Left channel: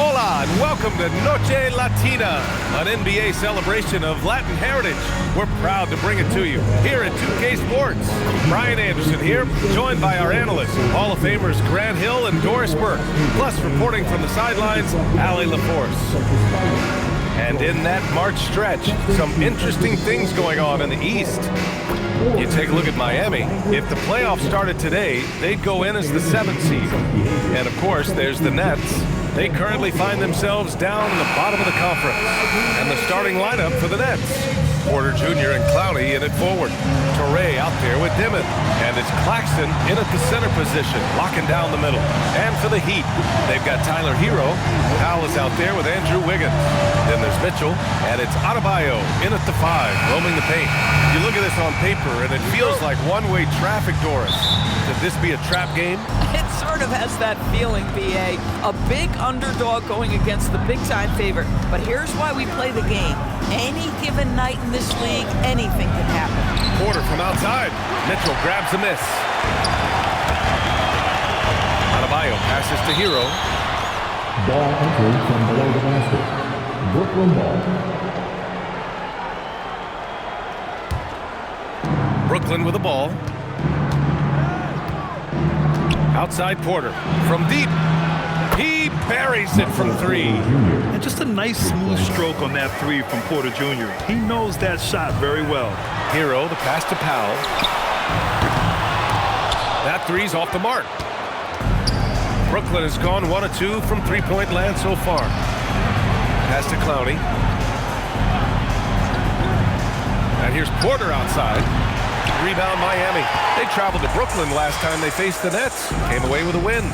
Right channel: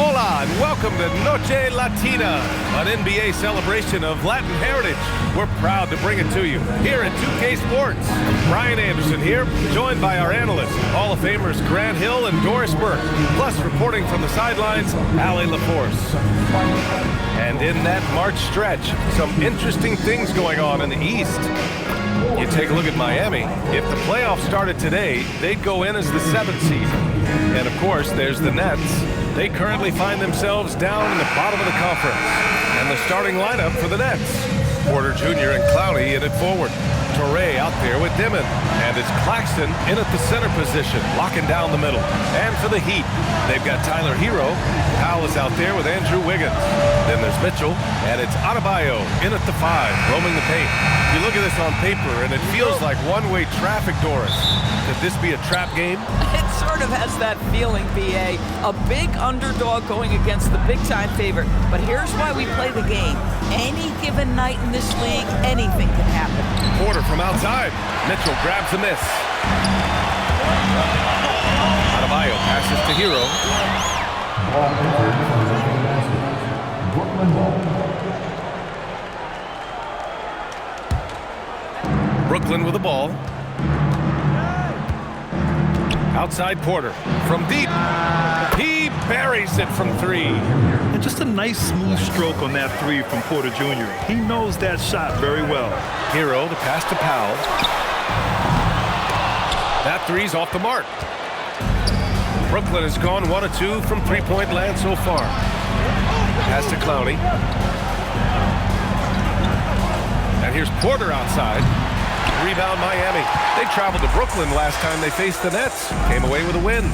Hola and welcome to Noche Latina, an NBA celebration of Latin heritage. We're proud to bring it to you here at 2K Sports. Brian Anderson here, joined by our analysts, Hall of Famers Grant Hill and Doris Burke, plus reporting from the sidelines, Allie LaForce. And in that March stretch, some interesting things going on in the East. You take a look at Miami. If the playoffs started today, they'd go in as the 7th seed. And of course, there's the Nets. They currently find themselves down in the bottom of the conference. And the starting lineup for the Nets: Porter Jr. and Clowney in at forward. Toure out there with Dimon. And it's Claxton in at the center position, locking down the middle. And for the Heat, they've got Tyler Hero. Powell is out there with Andrew Wiggins. Then there's Mitchell, and it's Adebayo in at the 5, roaming the paint. You look at this on paper, and it feels like one-way traffic, Doris. Could this be a trap game? It sort of has that feeling, B.A. A big underdog going against the big-time favorite. But here's why we play the game. Any given night in this league, anything can happen. Porter from outside. Mitchell grabs the miss. Adebayo passes to Hero. Ball entered from below the basket. Brooklyn ball. Brooklyn with the ball. Outside Porter. From deep. He buries it from 3. And just a nice smooth stroke on that 3 from Porter Jr. He knows that shot very well. Hero, the pass to Powell. That 3's off the mark. Brooklyn has gone 1 of 2 from three-point land so far. Pass to Clowney. And here's Porter outside. Rebound Miami. They traveled to Brooklyn last time they faced the Nets. Came away with a win.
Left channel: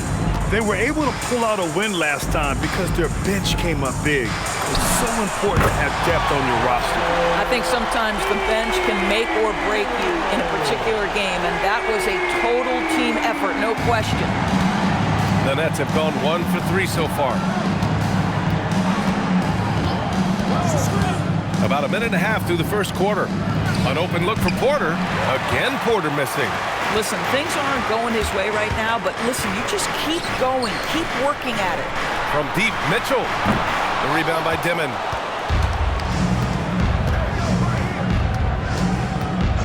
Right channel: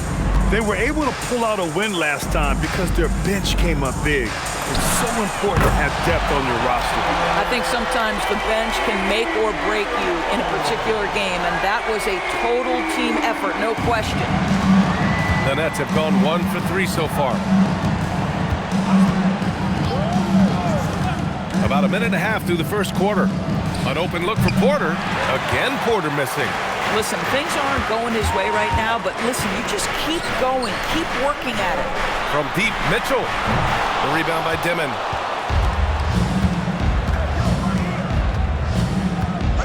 They were able to pull out a win last time because their bench came up big. It's so important to have depth on your roster. I think sometimes the bench can make or break you in a particular game, and that was a total team effort, no question. The Nets have gone 1 for 3 so far. About a minute and a half through the first quarter. An open look for Porter. Again, Porter missing. Listen, things aren't going his way right now, but listen, you just keep going, keep working at it. From deep, Mitchell. The rebound by Dimon.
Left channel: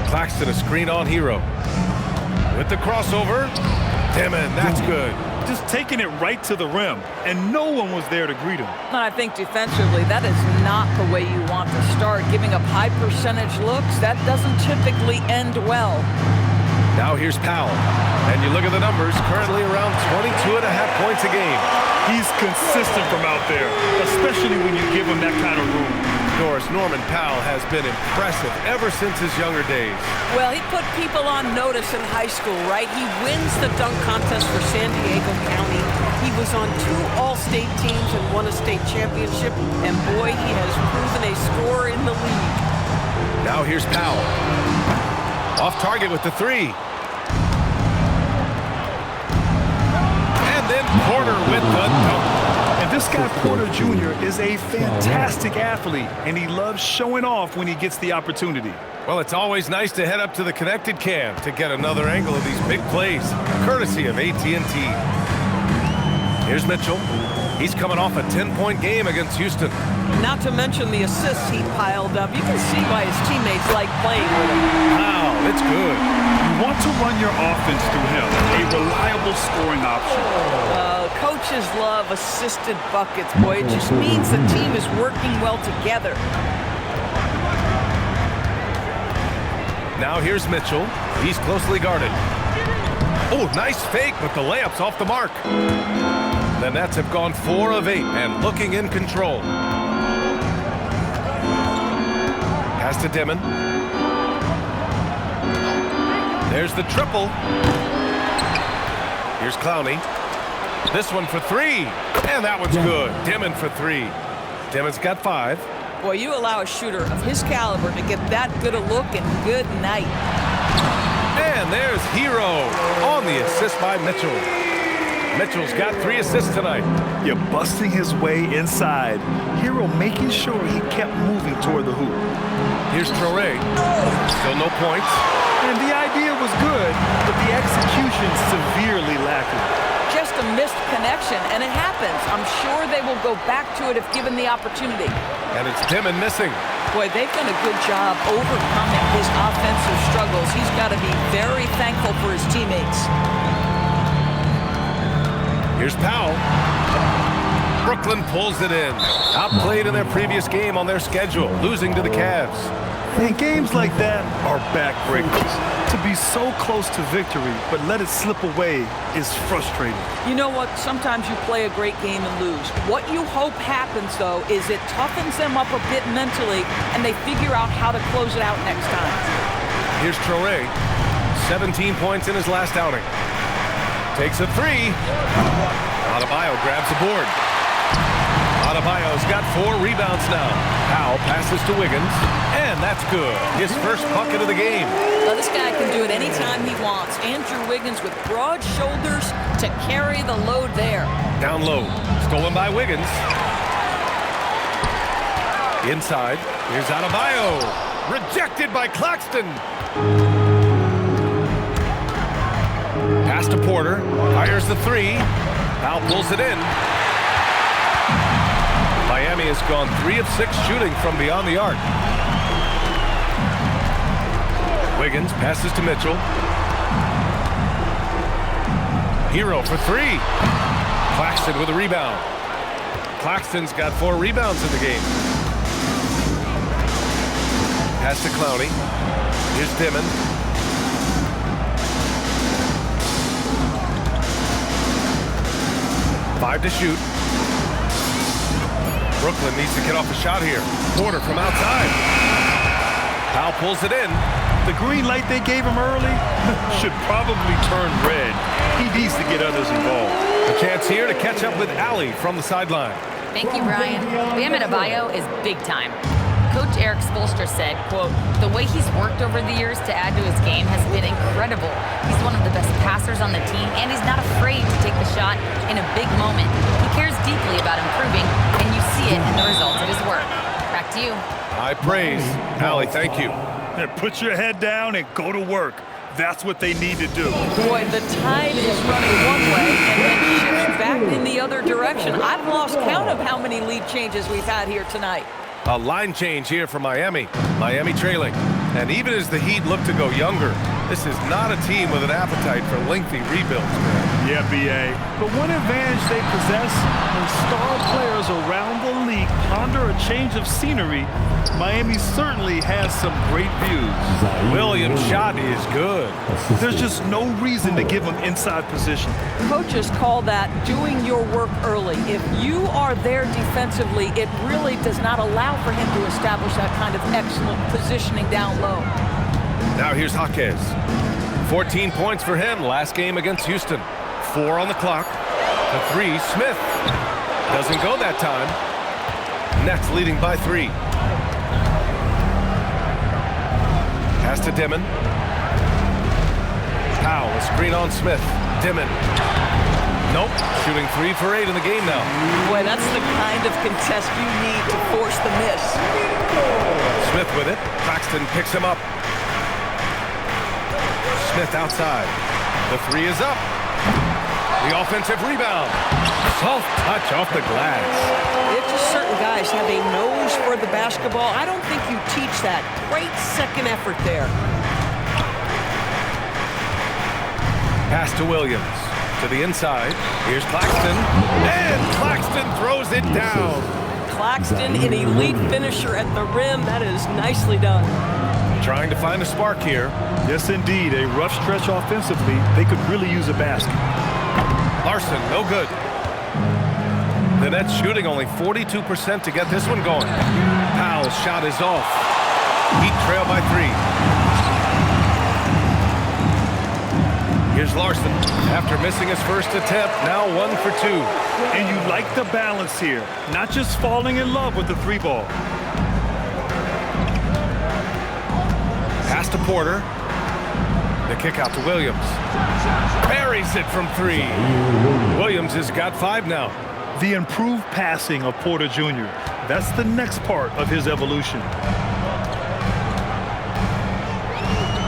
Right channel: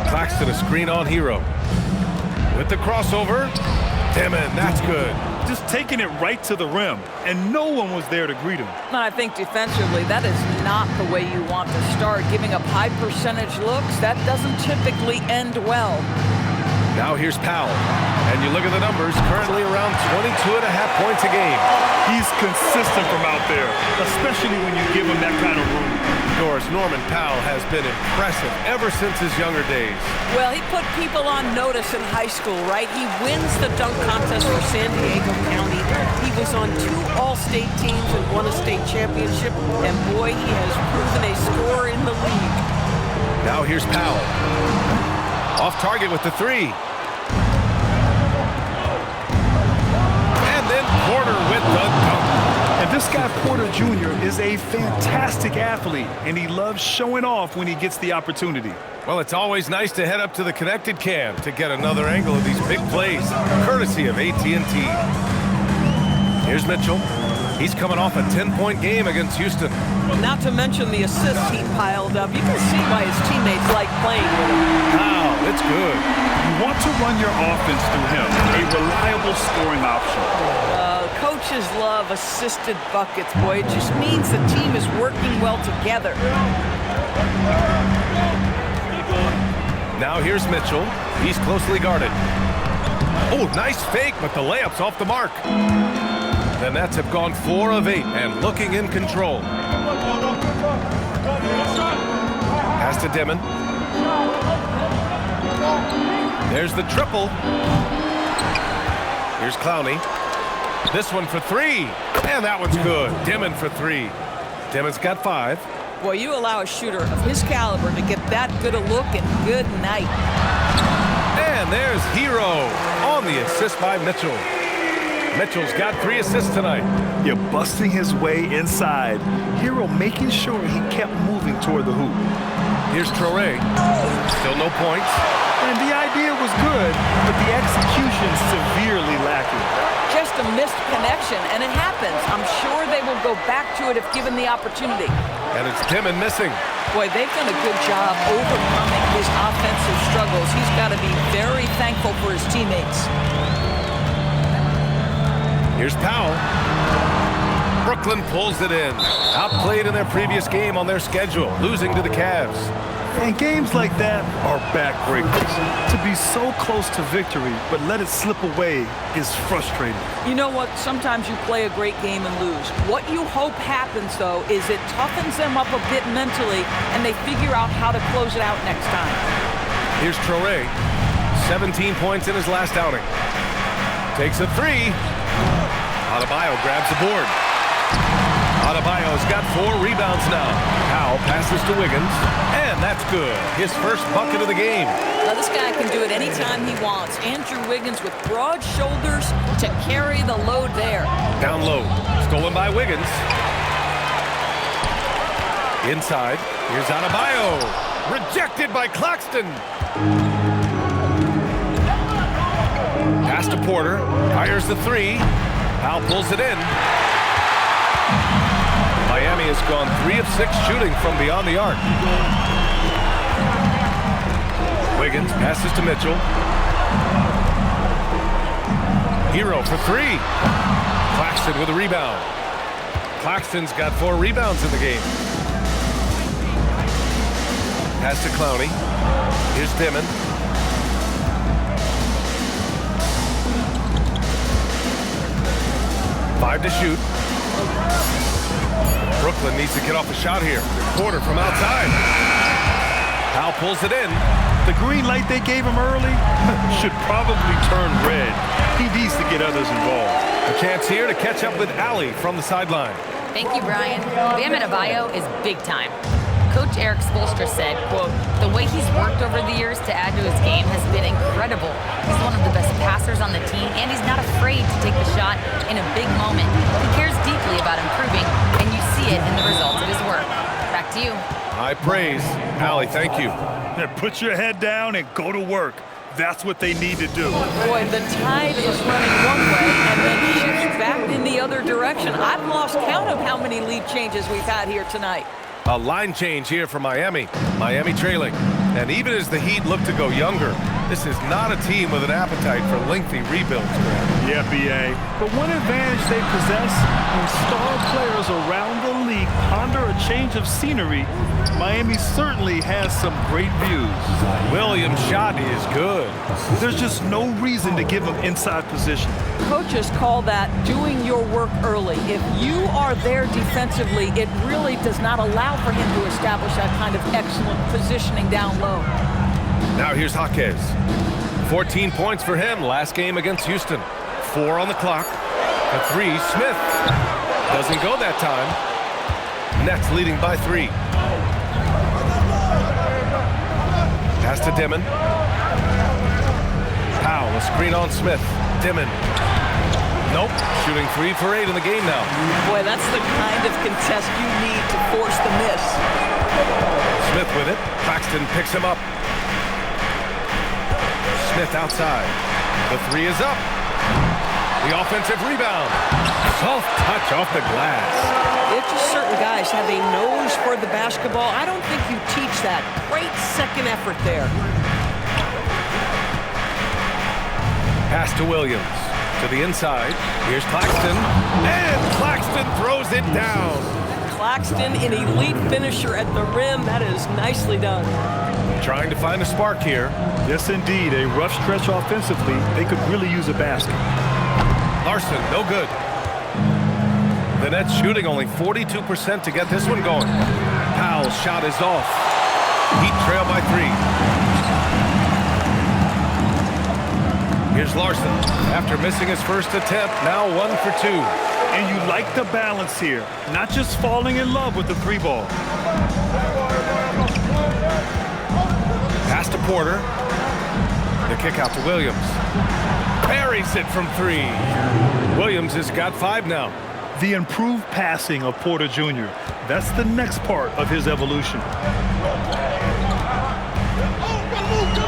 Claxton, a screen on Hero. With the crossover, Dimon, that's good. Just taking it right to the rim, and no one was there to greet him. And I think defensively, that is not the way you want to start. Giving up high percentage looks, that doesn't typically end well. Now here's Powell. And you look at the numbers, currently around 22.5 points a game. He's consistent from out there, especially when you give him that kind of room. Doris, Norman Powell has been impressive ever since his younger days. Well, he put people on notice in high school, right? He wins the dunk contest for San Diego County. He was on 2 All-State teams and won a state championship. And boy, he has proven a scorer in the league. Now here's Powell. Off target with the 3. And then Porter with the dunk. And this guy, Porter Jr., is a fantastic athlete, and he loves showing off when he gets the opportunity. Well, it's always nice to head up to the connected cam to get another angle of these big plays, courtesy of AT&T. Here's Mitchell. He's coming off a 10-point game against Houston. Not to mention the assists he piled up. You can see why his teammates like playing with him. Powell, it's good. You want to run your offense through him, a reliable scoring option. Coaches love assisted buckets, boy. It just means the team is working well together. Now here's Mitchell. He's closely guarded. Oh, nice fake, but the layup's off the mark. The Nets have gone 4 of 8 and looking in control. Pass to Dimon. There's the triple. Here's Clowney. This one for 3. And that one's good. Dimon for 3. Dimon's got 5. Boy, you allow a shooter of his caliber to get that good a look, and good night. And there's Hero on the assist by Mitchell. Mitchell's got 3 assists tonight. You're busting his way inside. Hero making sure he kept moving toward the hoop. Here's Toure. Still no points. And the idea was good, but the execution severely lacking. Just just a missed connection, and it happens. I'm sure they will go back to it if given the opportunity. And it's Dimon missing. Boy, they've done a good job overcoming his offensive struggles. He's got to be very thankful for his teammates. Here's Powell. Brooklyn pulls it in. Outplayed in their previous game on their schedule, losing to the Cavs. And games like that are backbreakers. To be so close to victory, but let it slip away is frustrating. You know what? Sometimes you play a great game and lose. What you hope happens, though, is it toughens them up a bit mentally, and they figure out how to close it out next time. Here's Traoré. 17 points in his last outing. Takes a three. Adebayo grabs the board. Adebayo's got 4 rebounds now. Powell passes to Wiggins, and that's good. His first bucket of the game. Now, this guy can do it anytime he wants. Andrew Wiggins with broad shoulders to carry the load there. Down low. Stolen by Wiggins. Inside. Here's Adebayo. Rejected by Claxton. Pass to Porter. Fires the three. Powell pulls it in. Miami has gone 3 of 6 shooting from beyond the arc. Wiggins passes to Mitchell. Hero for 3. Claxton with a rebound. Claxton's got 4 rebounds in the game. Pass to Clowney. Here's Dimon. Five to shoot. Brooklyn needs to get off a shot here. Porter from outside. Powell pulls it in. The green light they gave him early should probably turn red. He needs to get others involved. A chance here to catch up with Allie from the sideline. Thank you, Brian. Bam Adebayo is big time. Coach Eric Spoelstra said, quote, "The way he's worked over the years to add to his game has been incredible. He's one of the best passers on the team, and he's not afraid to take the shot in a big moment. He cares deeply about improving, and you see it in the results of his work." Back to you. High praise. Allie, thank you. Put your head down and go to work. That's what they need to do. Boy, the tide is running one way and then shifts back in the other direction. I've lost count of how many lead changes we've had here tonight. A line change here for Miami. Miami trailing. And even as the Heat look to go younger, this is not a team with an appetite for lengthy rebuilds, man. Yeah, B.A. But one advantage they possess, when star players around the league ponder a change of scenery, Miami certainly has some great views. Williams' shot is good. There's just no reason to give him inside position. Coaches call that doing your work early. If you are there defensively, it really does not allow for him to establish that kind of excellent positioning down low. Now here's Jaquez. 14 points for him last game against Houston. 4 on the clock. The 3, Smith. Doesn't go that time. Nets leading by 3. Pass to Dimon. Powell, a screen on Smith. Dimon. Nope. Shooting 3 for 8 in the game now. Boy, that's the kind of contest you need to force the miss. Smith with it. Claxton picks him up. Smith outside. The 3 is up. The offensive rebound. Soft touch off the glass. It's just certain guys have a nose for the basketball. I don't think you teach that. Great second effort there. Pass to Williams. To the inside. Here's Claxton. And Claxton throws it down. Claxton, an elite finisher at the rim. That is nicely done. Trying to find a spark here. Yes, indeed. A rough stretch offensively. They could really use a basket. Larson, no good. The Nets shooting only 42% to get this one going. Powell's shot is off. Heat trail by 3. Here's Larson. After missing his first attempt, now 1 for 2. And you like the balance here. Not just falling in love with the 3 ball. Pass to Porter. The kick out to Williams. Buries it from 3. Williams has got 5 now. The improved passing of Porter Jr. That's the next part of his evolution.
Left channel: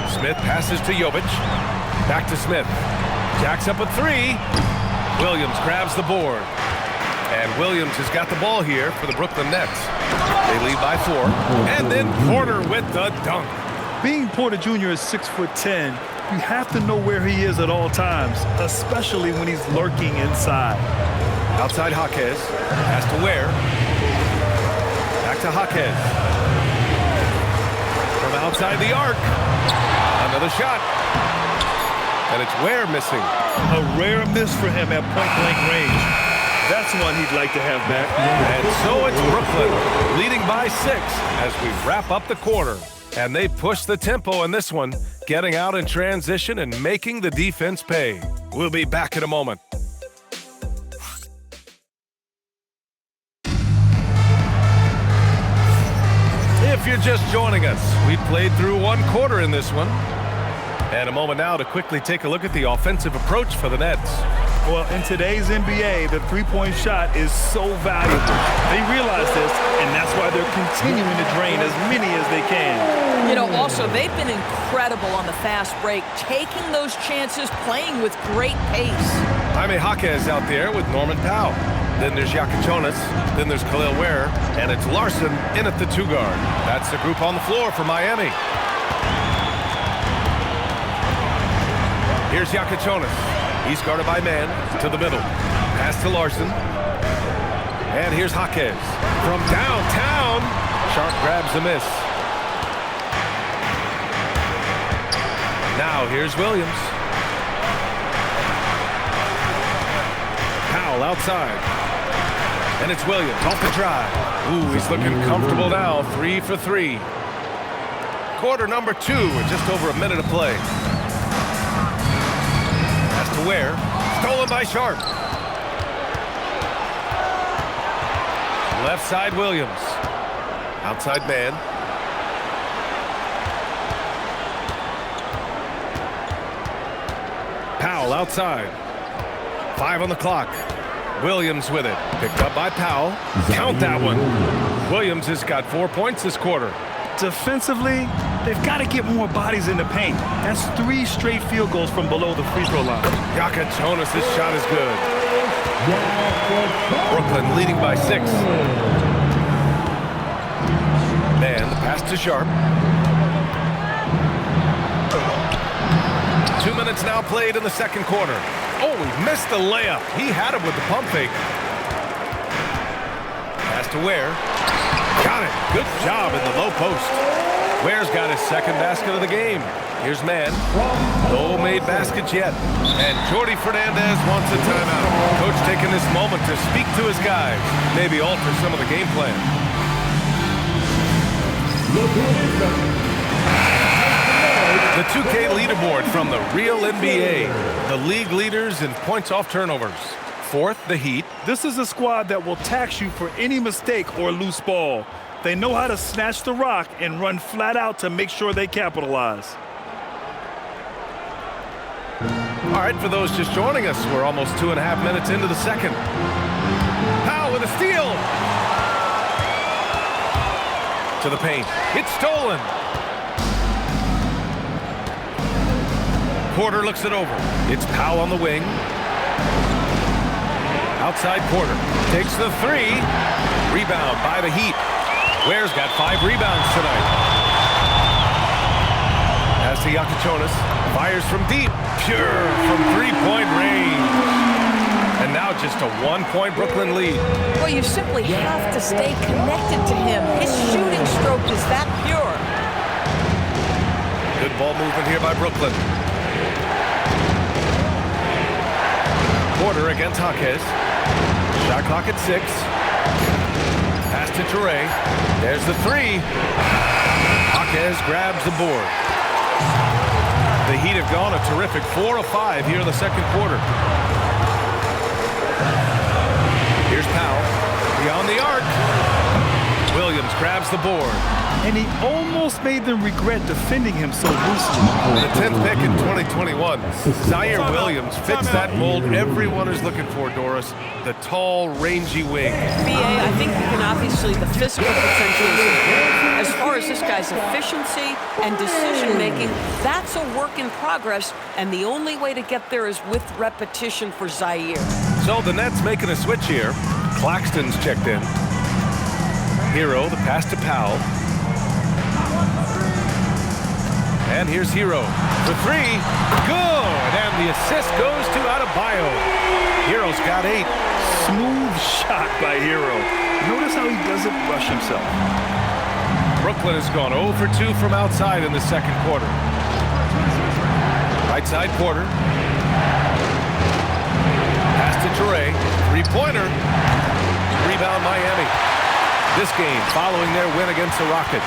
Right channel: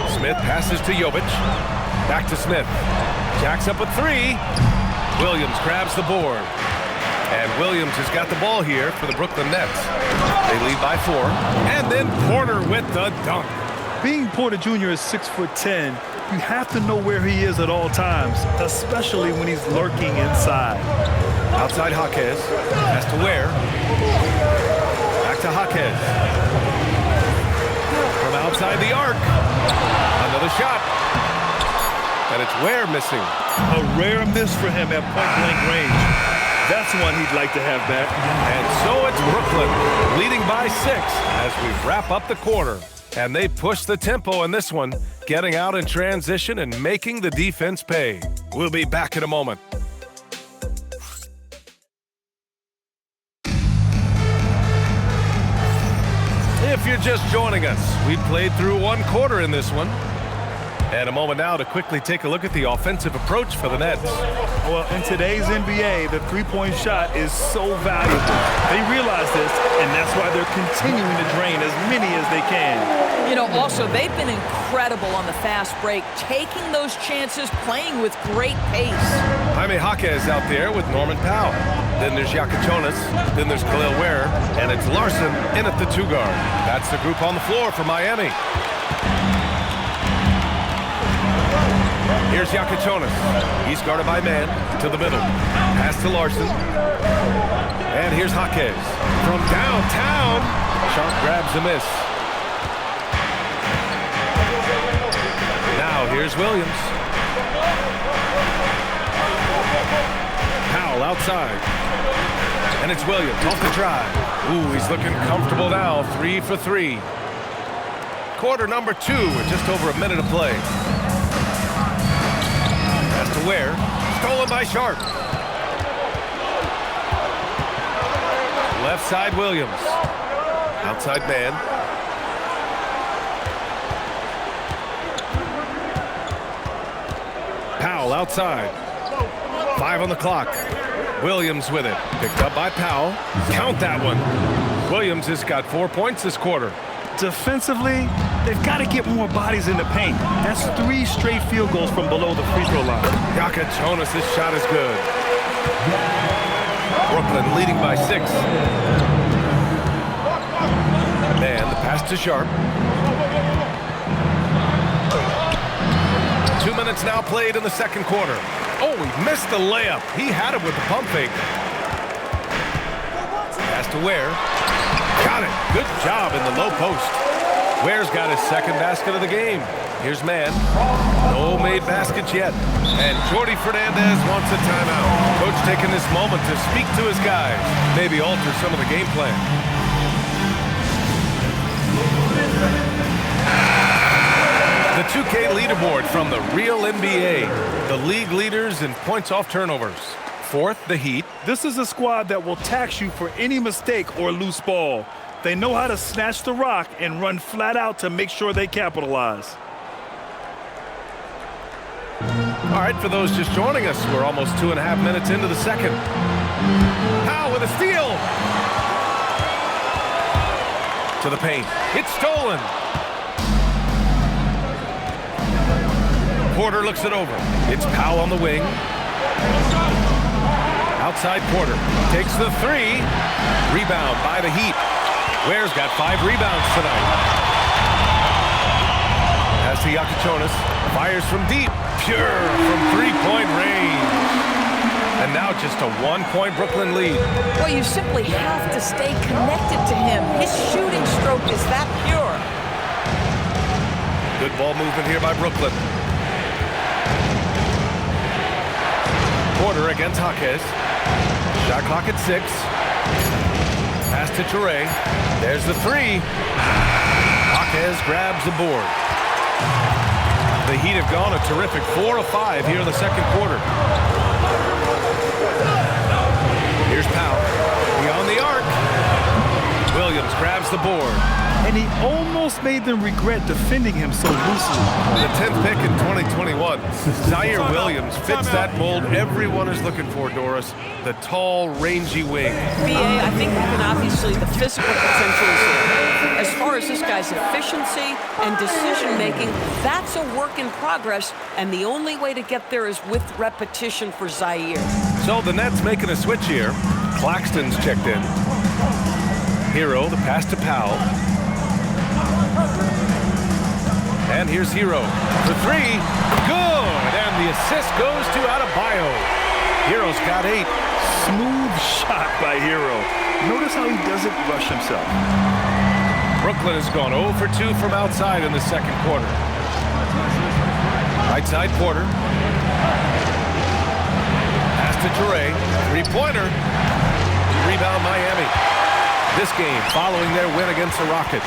Smith passes to Jovic. Back to Smith. Jacks up a 3. Williams grabs the board. And Williams has got the ball here for the Brooklyn Nets. They lead by 4. And then Porter with the dunk. Being Porter Jr. is 6'10", you have to know where he is at all times, especially when he's lurking inside. Outside Jaquez. Pass to Ware. Back to Jaquez. From outside the arc. Another shot. And it's Ware missing. A rare miss for him at point-blank range. That's one he'd like to have back. And so it's Brooklyn leading by 6 as we wrap up the quarter. And they push the tempo in this one, getting out in transition and making the defense pay. We'll be back in a moment. If you're just joining us, we played through 1 quarter in this one. And a moment now to quickly take a look at the offensive approach for the Nets. Well, in today's NBA, the three-point shot is so valuable. They realize this, and that's why they're continuing to drain as many as they can. You know, also, they've been incredible on the fast break, taking those chances, playing with great pace. Jaime Jaquez out there with Norman Powell. Then there's Yakachonis. Then there's Khalil Ware. And it's Larson in at the 2 guard. That's the group on the floor for Miami. Here's Yakachonis. He's guarded by man to the middle. Pass to Larson. And here's Jaquez. From downtown, Sharp grabs a miss. Now here's Williams. Powell outside. And it's Williams off the drive. Ooh, he's looking comfortable now. 3 for 3. Quarter number 2 with just over a minute of play. Pass to Ware. Stolen by Sharp. Left side Williams. Outside man. Powell outside. 5 on the clock. Williams with it. Picked up by Powell. Count that one. Williams has got 4 points this quarter. Defensively, they've got to get more bodies in the paint. That's 3 straight field goals from below the free throw line. Yakachonis, this shot is good. Brooklyn leading by 6. Man, the pass to Sharp. 2 minutes now played in the second quarter. Oh, he missed the layup. He had it with the pump fake. Pass to Ware. Got it. Good job in the low post. Ware's got his second basket of the game. Here's man. No made baskets yet. And Jordi Fernandez wants a timeout. Coach taking this moment to speak to his guys. Maybe alter some of the game plan. The 2K leaderboard from the real NBA. The league leaders in points off turnovers. 4th, the Heat. This is a squad that will tax you for any mistake or loose ball. They know how to snatch the rock and run flat out to make sure they capitalize. All right, for those just joining us, we're almost 2.5 minutes into the second. Powell with a steal. To the paint. It's stolen. Porter looks it over. It's Powell on the wing. Outside Porter. Takes the 3. Rebound by the Heat. Ware's got 5 rebounds tonight. Pass to Yakachonis. Fires from deep. Pure from 3-point range. And now just a 1-point Brooklyn lead. Well, you simply have to stay connected to him. His shooting stroke is that pure. Good ball movement here by Brooklyn. Porter against Jaquez. Shot clock at 6. Pass to Toure. There's the 3. Jaquez grabs the board. The Heat have gone a terrific 4 of 5 here in the second quarter. Here's Powell. Beyond the arc. Williams grabs the board. and he almost made them regret defending him so loosely. The 10th pick in 2021, Zaire Williams fits that mold everyone is looking for, Doris. The tall, rangy wing. BA, I think you can obviously, the physical potential is there. As far as this guy's efficiency and decision-making, that's a work in progress, and the only way to get there is with repetition for Zaire. So the Nets making a switch here. Claxton's checked in. Hero, the pass to Powell. And here's Hero for three. Good! And the assist goes to Adebayo. Hero's got 8. Smooth shot by Hero. Notice how he doesn't rush himself. Brooklyn has gone 0 for 2 from outside in the second quarter. Right side, Porter. Pass to Toure. Three-pointer. Rebound, Miami. This game following their win against the Rockets.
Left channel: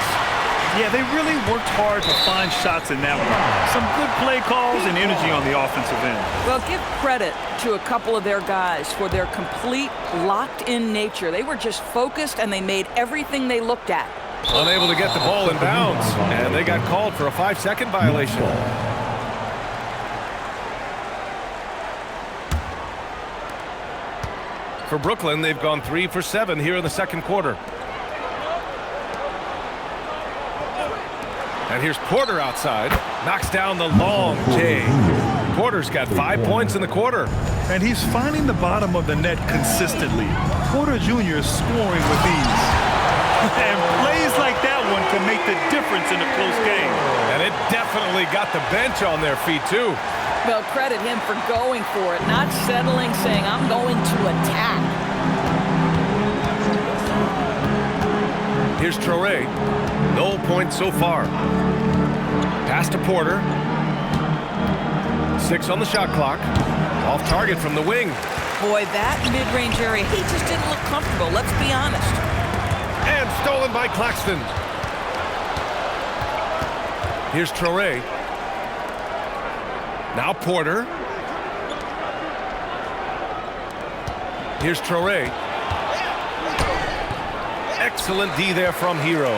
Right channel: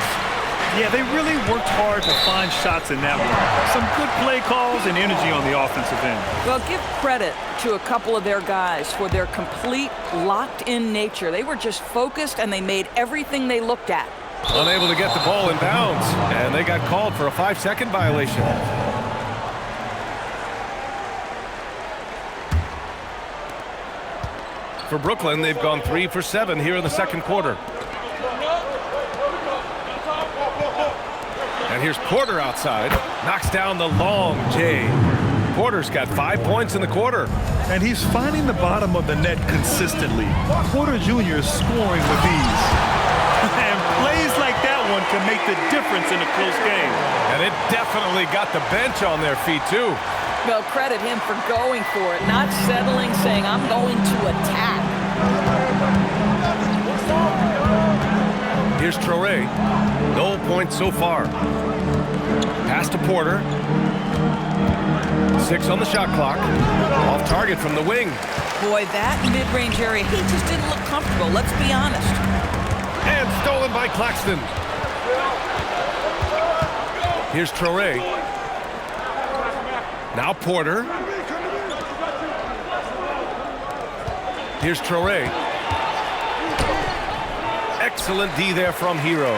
Yeah, they really worked hard to find shots in that one. Some good play calls and energy on the offensive end. Well, give credit to a couple of their guys for their complete locked-in nature. They were just focused, and they made everything they looked at. Unable to get the ball in bounds, and they got called for a 5-second violation. For Brooklyn, they've gone 3 for 7 here in the second quarter. And here's Porter outside. Knocks down the long J. Porter's got 5 points in the quarter. And he's finding the bottom of the net consistently. Porter Jr. is scoring with ease. And plays like that one can make the difference in a close game. And it definitely got the bench on their feet, too. Well, credit him for going for it, not settling, saying, I'm going to attack. Here's Traore. No points so far. Pass to Porter. 6 on the shot clock. Off target from the wing. Boy, that mid-range area, he just didn't look comfortable, let's be honest. And stolen by Claxton. Here's Traore. Now Porter. Here's Traore. Excellent D there from Hero.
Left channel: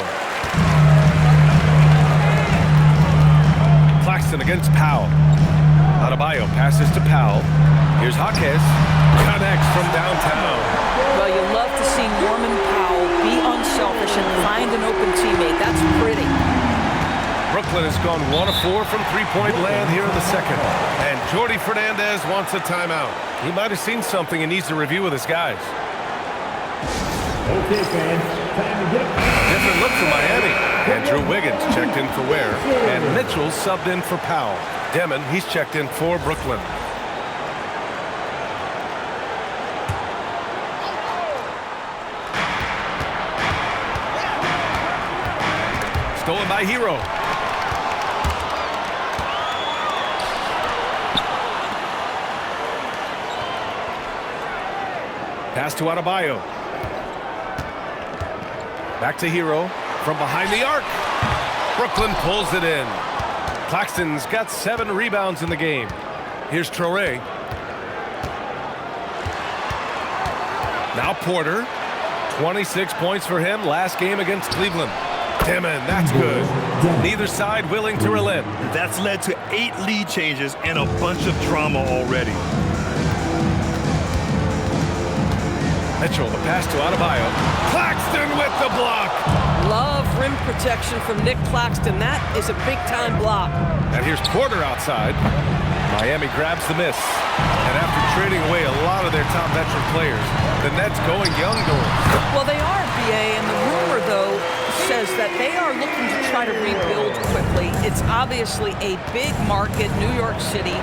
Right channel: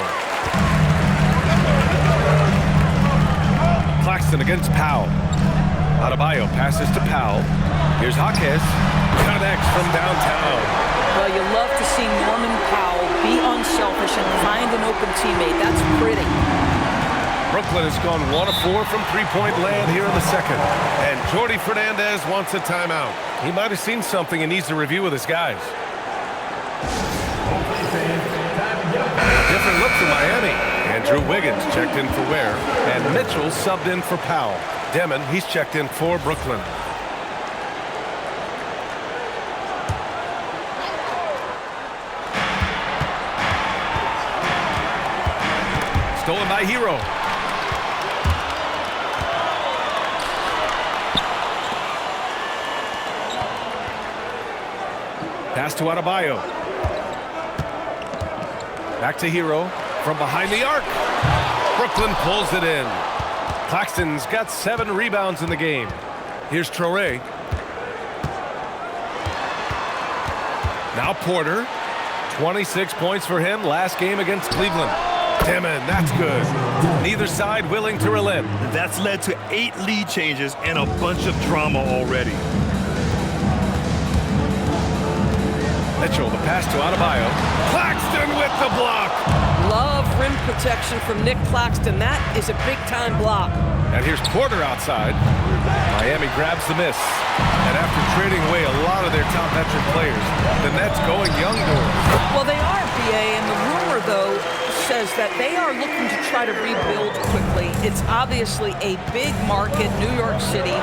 Claxton against Powell. Adebayo passes to Powell. Here's Jaquez. Connects from downtown. Well, you love to see Norman Powell be unselfish and find an open teammate. That's pretty. Brooklyn has gone 1 of 4 from three-point land here in the second. And Jordi Fernandez wants a timeout. He might have seen something and needs to review with his guys. Okay, fans, time to get up. A different look for Miami. Andrew Wiggins checked in for Ware. And Mitchell subbed in for Powell. Demon, he's checked in for Brooklyn. Stolen by Hero. Pass to Adebayo. Back to Hero from behind the arc. Brooklyn pulls it in. Claxton's got 7 rebounds in the game. Here's Traore. Now Porter. 26 points for him last game against Cleveland. Demon, that's good. Neither side willing to relent. That's led to 8 lead changes and a bunch of drama already. Mitchell, the pass to Adebayo. Claxton with the block. Love rim protection from Nick Claxton. That is a big-time block. And here's Porter outside. Miami grabs the miss. And after trading away a lot of their top veteran players, the Nets going young, Doris. Well, they are, BA, and the rumor, though, says that they are looking to try to rebuild quickly. It's obviously a big market, New York City.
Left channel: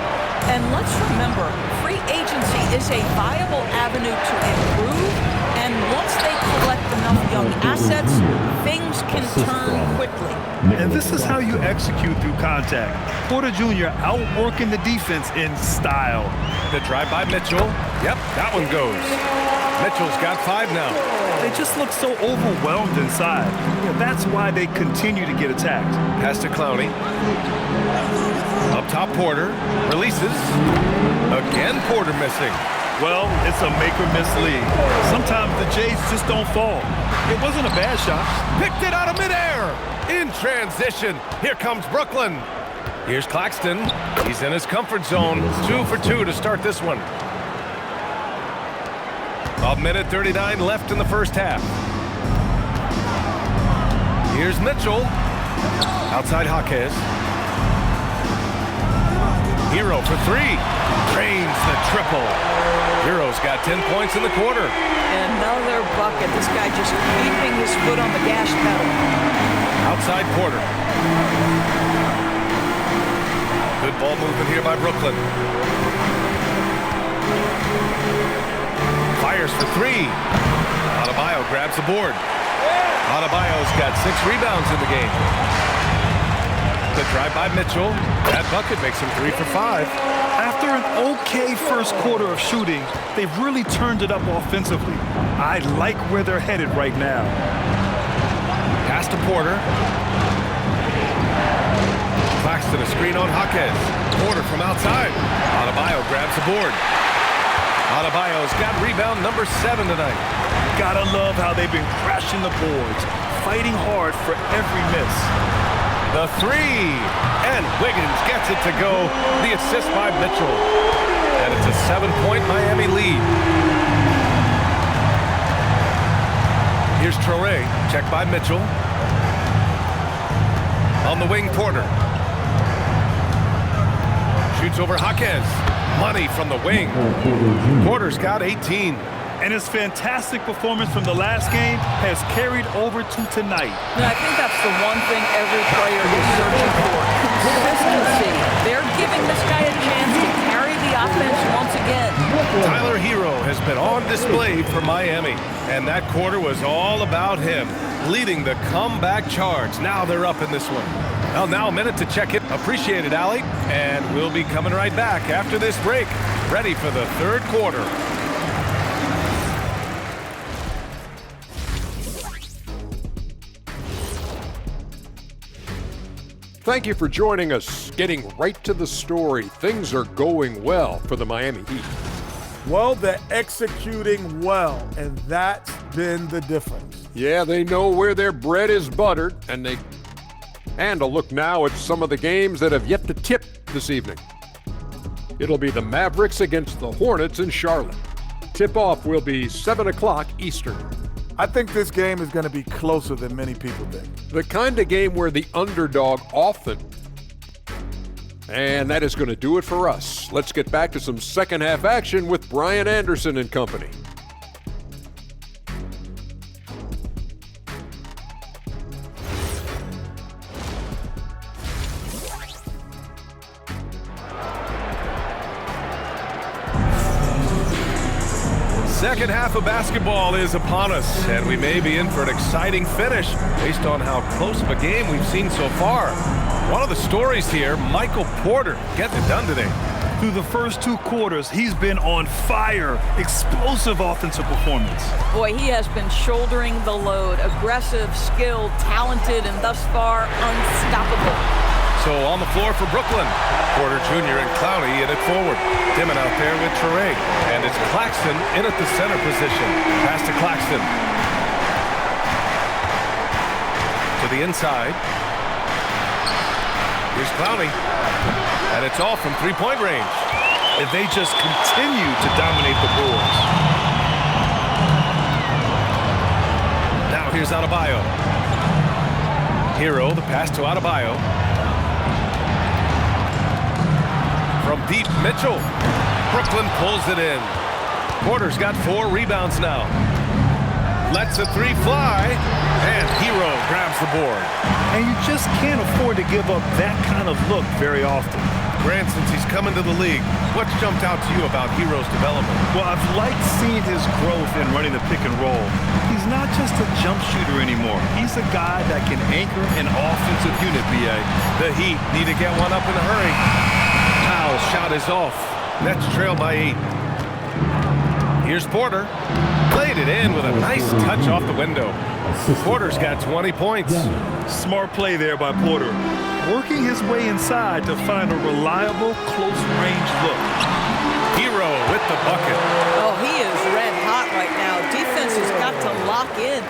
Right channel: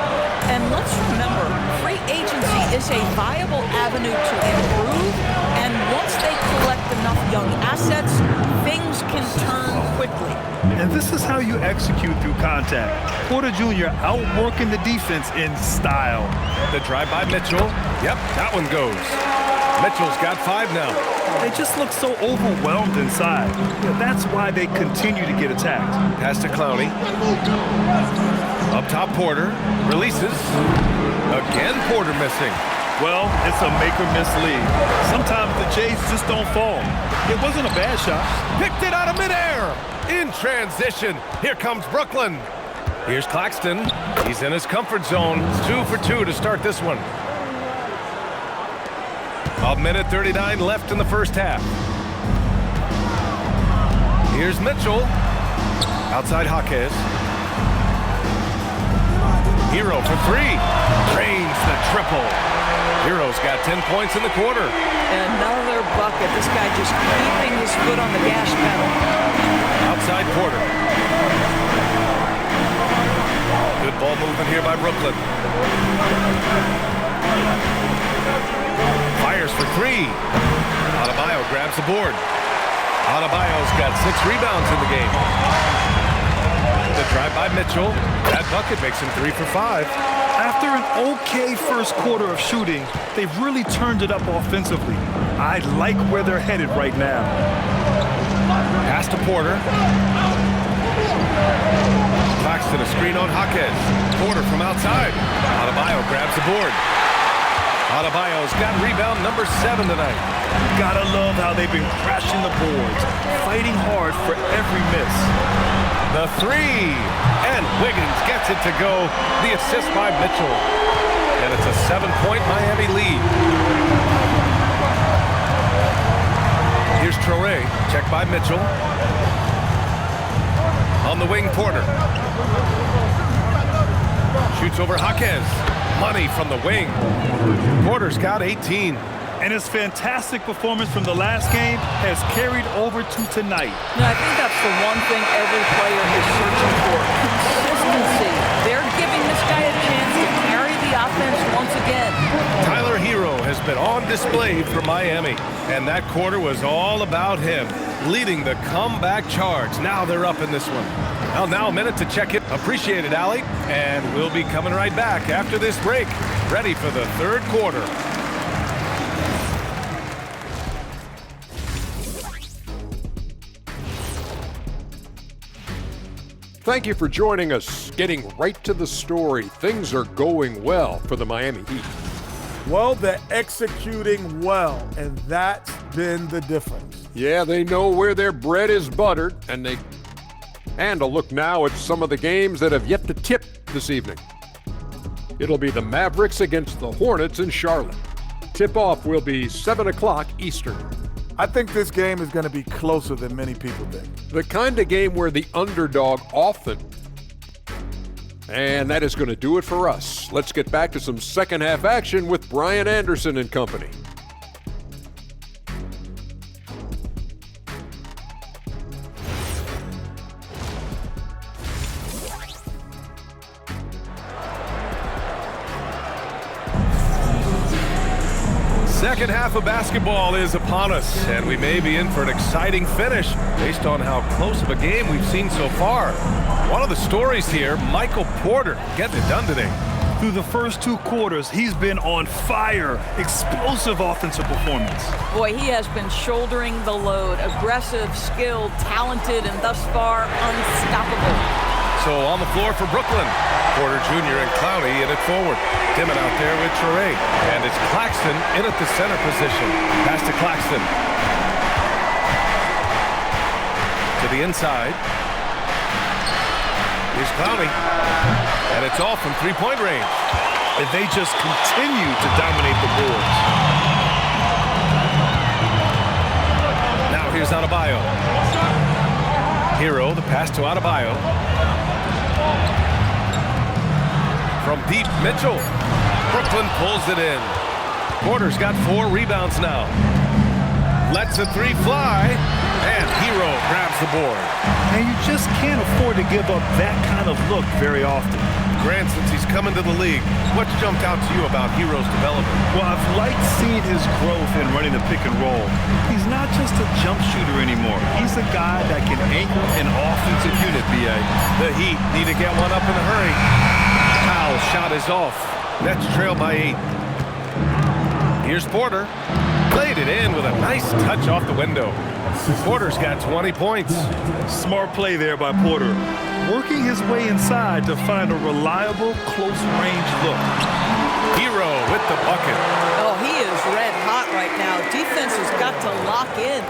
And let's remember, free agency is a viable avenue to improve. And once they collect enough young assets, things can turn quickly. And this is how you execute through contact. Porter Jr. outworking the defense in style. The drive by Mitchell. Yep, that one goes. Mitchell's got 5 now. They just look so overwhelmed inside. Yeah, that's why they continue to get attacked. Pass to Clowney. Up top, Porter. Releases. Again, Porter missing. Well, it's a make-or-miss league. Sometimes the Jays just don't fall. It wasn't a bad shot. Picked it out of midair. In transition, here comes Brooklyn. Here's Claxton. He's in his comfort zone. 2 for 2 to start this one. A minute 39 left in the first half. Here's Mitchell. Outside Jaquez. Hero for 3. Drains the triple. Hero's got 10 points in the quarter. Another bucket. This guy just keeping his foot on the gas pedal. Outside Porter. Good ball movement here by Brooklyn. Fires for 3. Adebayo grabs the board. Adebayo's got 6 rebounds in the game. The drive by Mitchell. That bucket makes him 3 for 5. After an okay first quarter of shooting, they've really turned it up offensively. I like where they're headed right now. Pass to Porter. Claxton a screen on Jaquez. Porter from outside. Adebayo grabs the board. Adebayo's got rebound number 7 tonight. Gotta love how they've been crashing the boards, fighting hard for every miss. The 3. And Wiggins gets it to go. The assist by Mitchell. And it's a 7-point Miami lead. Here's Traore. Check by Mitchell. On the wing, Porter. Shoots over Jaquez. Money from the wing. Porter's got 18. And his fantastic performance from the last game has carried over to tonight. Now, I think that's the one thing every player is searching for. Consistency. They're giving this guy a chance to carry the offense once again. Tyler Hero has been on display for Miami. And that quarter was all about him, leading the comeback charge. Now they're up in this one. Well, now a minute to check it. Appreciate it, Allie. And we'll be coming right back after this break. Ready for the third quarter. Thank you for joining us. Getting right to the story, things are going well for the Miami Heat. Well, they're executing well, and that's been the difference. Yeah, they know where their bread is buttered, and a look now at some of the games that have yet to tip this evening. It'll be the Mavericks against the Hornets in Charlotte. Tip-off will be 7 o'clock Eastern. I think this game is going to be closer than many people think. The kind of game where the underdog often. And that is going to do it for us. Let's get back to some second half action with Brian Anderson and company. Second half of basketball is upon us, and we may be in for an exciting finish based on how close of a game we've seen so far. One of the stories here, Michael Porter getting it done today. Through the first 2 quarters, he's been on fire. Explosive offensive performance. Boy, he has been shouldering the load. Aggressive, skilled, talented, and thus far unstoppable. So on the floor for Brooklyn, Porter Jr. and Clowney in it forward. Dimon out there with Traore. And it's Claxton in at the center position. Pass to Claxton. To the inside. Here's Clowney. And it's all from three-point range. And they just continue to dominate the boards. Now here's Adebayo. Hero, the pass to Adebayo. From deep, Mitchell. Brooklyn pulls it in. Porter's got 4 rebounds now. Lets a 3 fly, and Hero grabs the board. And you just can't afford to give up that kind of look very often. Grant, since he's coming to the league, what's jumped out to you about Hero's development? Well, I've liked seeing his growth in running the pick and roll. He's not just a jump shooter anymore. He's a guy that can anchor an offensive unit, B.A. The Heat need to get one up in a hurry. Powell's shot is off. Nets trail by 8. Here's Porter. Played it in with a nice touch off the window. Porter's got 20 points. Smart play there by Porter. Working his way inside to find a reliable, close-range look. Hero with the bucket. Oh, he is red hot right now. Defense has got to lock in.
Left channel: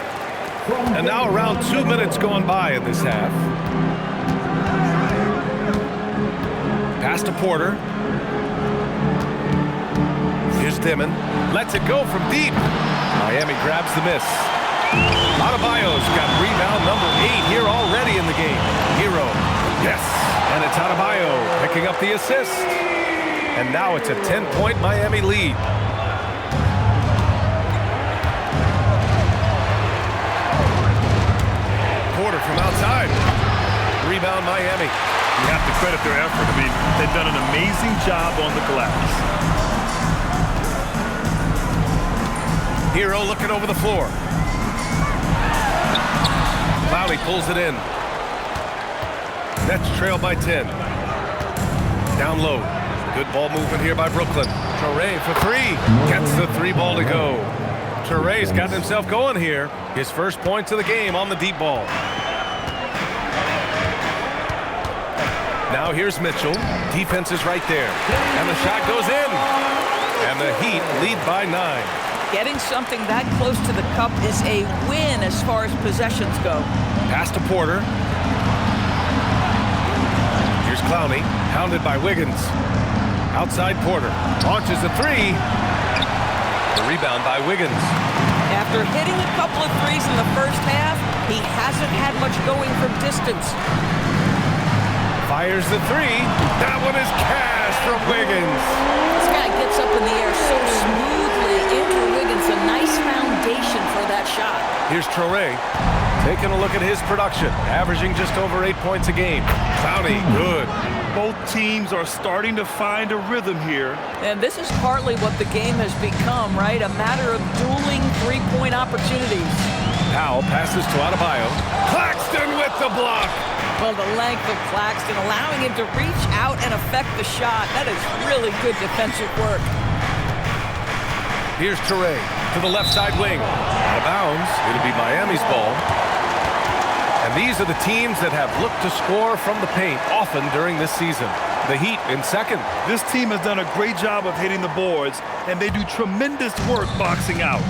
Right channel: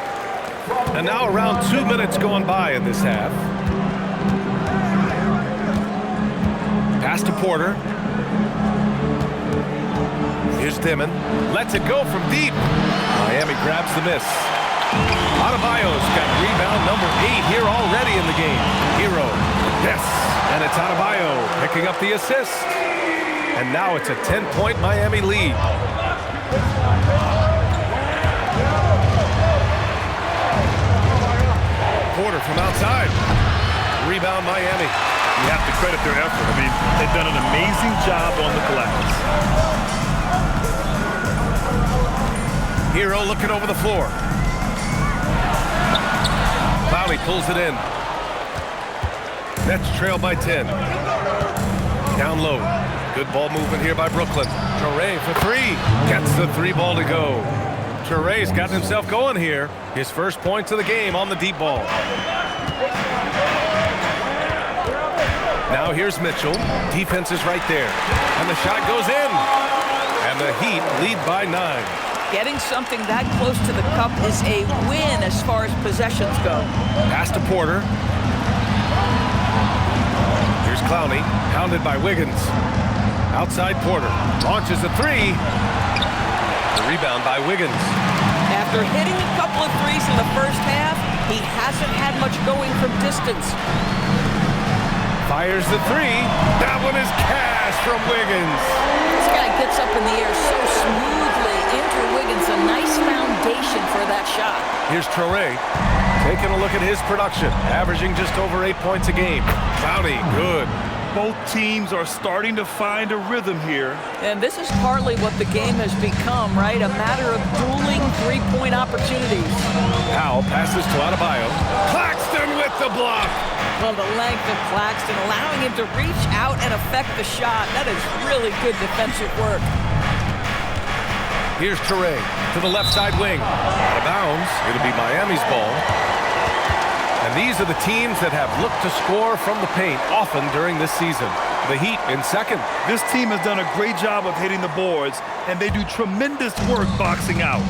And now around 2 minutes going by in this half. Pass to Porter. Here's Dimon. Lets it go from deep. Miami grabs the miss. Adebayo's got rebound number 8 here already in the game. Hero. Yes. And it's Adebayo picking up the assist. And now it's a 10-point Miami lead. Porter from outside. Rebound Miami. You have to credit their effort. I mean, they've done an amazing job on the glass. Hero looking over the floor. Clowney pulls it in. Nets trail by 10. Down low. Good ball movement here by Brooklyn. Toure for 3. Gets the 3 ball to go. Toure's got himself going here. His first points of the game on the deep ball. Now here's Mitchell. Defense is right there. And the shot goes in. And the Heat lead by 9. Getting something that close to the cup is a win as far as possessions go. Pass to Porter. Here's Clowney, hounded by Wiggins. Outside Porter. Launches a 3. The rebound by Wiggins. After hitting a couple of threes in the first half, he hasn't had much going from distance. Fires the 3. That one is cash from Wiggins. This guy gets up in the air so smoothly. Andrew Wiggins, a nice foundation for that shot. Here's Traore taking a look at his production, averaging just over 8 points a game. Clowney, good. Both teams are starting to find a rhythm here. And this is partly what the game has become, right? A matter of dueling three-point opportunities. Powell passes to Adebayo. Claxton with the block. Well, the length of Claxton allowing him to reach out and affect the shot. That is really good defensive work. Here's Toure to the left side wing. Out of bounds. It'll be Miami's ball. And these are the teams that have looked to score from the paint often during this season. The Heat in second. This team has done a great job of hitting the boards, and they do tremendous work boxing out.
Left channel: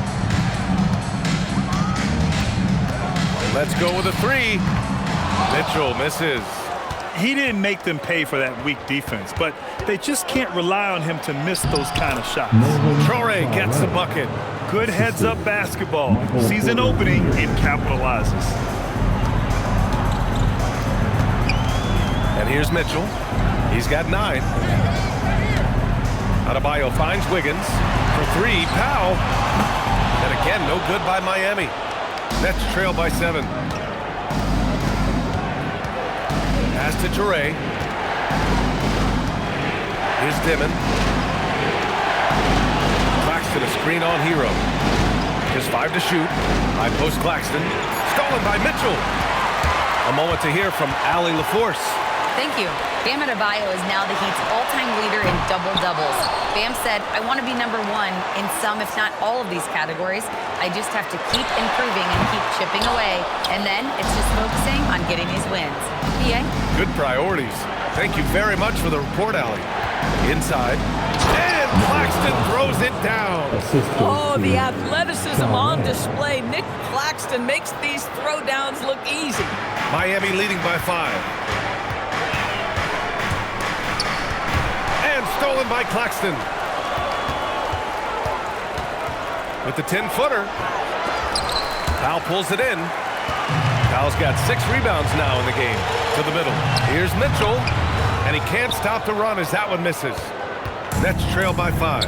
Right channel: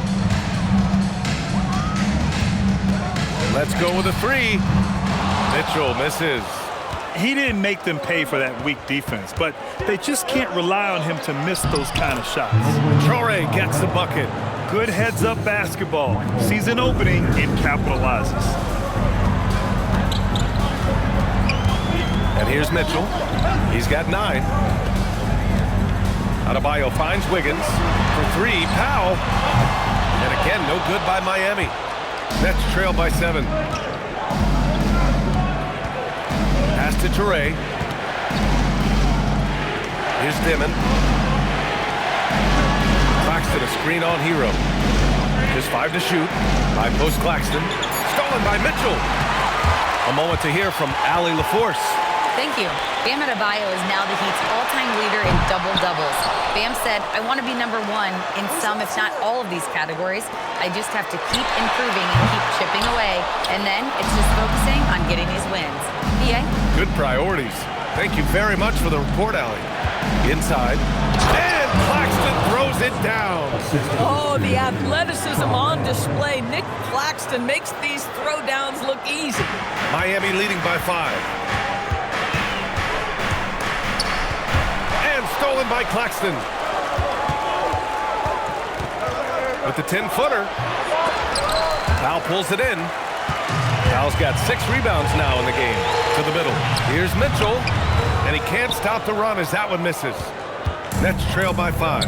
Let's go with a 3. Mitchell misses. He didn't make them pay for that weak defense, but they just can't rely on him to miss those kind of shots. Traore gets the bucket. Good heads-up basketball. Season opening and capitalizes. And here's Mitchell. He's got 9. Adebayo finds Wiggins for 3. Powell. And again, no good by Miami. Nets trail by 7. Pass to Toure. Here's Dimon. Claxton a screen on Hero. Just 5 to shoot. High post Claxton. Stolen by Mitchell. A moment to hear from Allie LaForce. Thank you. Bam Adebayo is now the Heat's all-time leader in double-doubles. Bam said, I want to be number 1 in some, if not all of these categories. I just have to keep improving and keep chipping away. And then it's just focusing on getting these wins. PA? Good priorities. Thank you very much for the report, Allie. Inside. And Claxton throws it down. Oh, the athleticism on display. Nick Claxton makes these throwdowns look easy. Miami leading by 5. And stolen by Claxton. With the 10-footer. Powell pulls it in. Powell's got 6 rebounds now in the game. To the middle. Here's Mitchell. And he can't stop the run as that one misses. Nets trail by 5.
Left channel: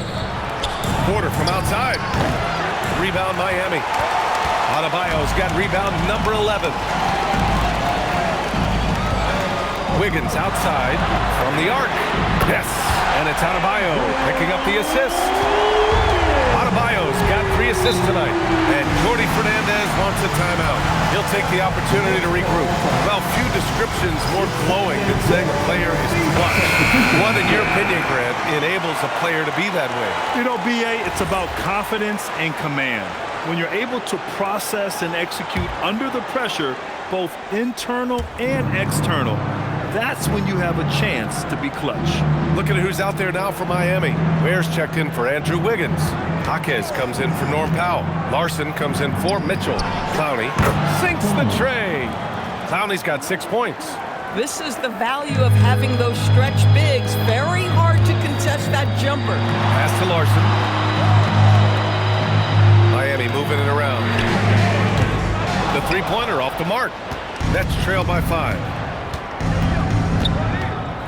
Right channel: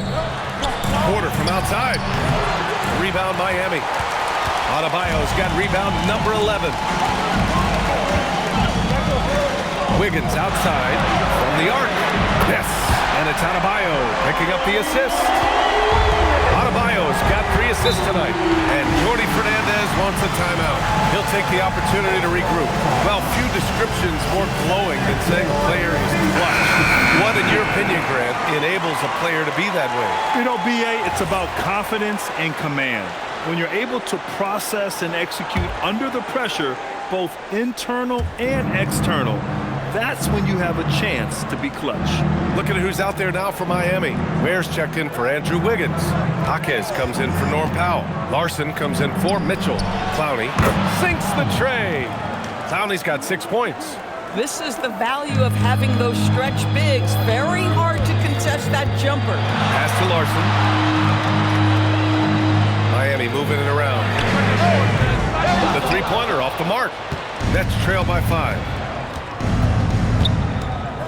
Porter from outside. Rebound Miami. Adebayo's got rebound number 11. Wiggins outside from the arc. Yes, and it's Adebayo picking up the assist. Adebayo's got 3 assists tonight, and Jordi Fernandez wants a timeout. He'll take the opportunity to regroup. Well, few descriptions more glowing than saying a player is clutch. What, in your opinion, Grant, enables a player to be that way? You know, BA, it's about confidence and command. When you're able to process and execute under the pressure, both internal and external, that's when you have a chance to be clutch. Looking at who's out there now for Miami. Ware's checked in for Andrew Wiggins. Jaquez comes in for Norm Powell. Larson comes in for Mitchell. Clowney sinks the tray. Clowney's got 6 points. This is the value of having those stretch bigs. Very hard to contest that jumper. Pass to Larson. Miami moving it around. The three-pointer off the mark. Nets trail by 5.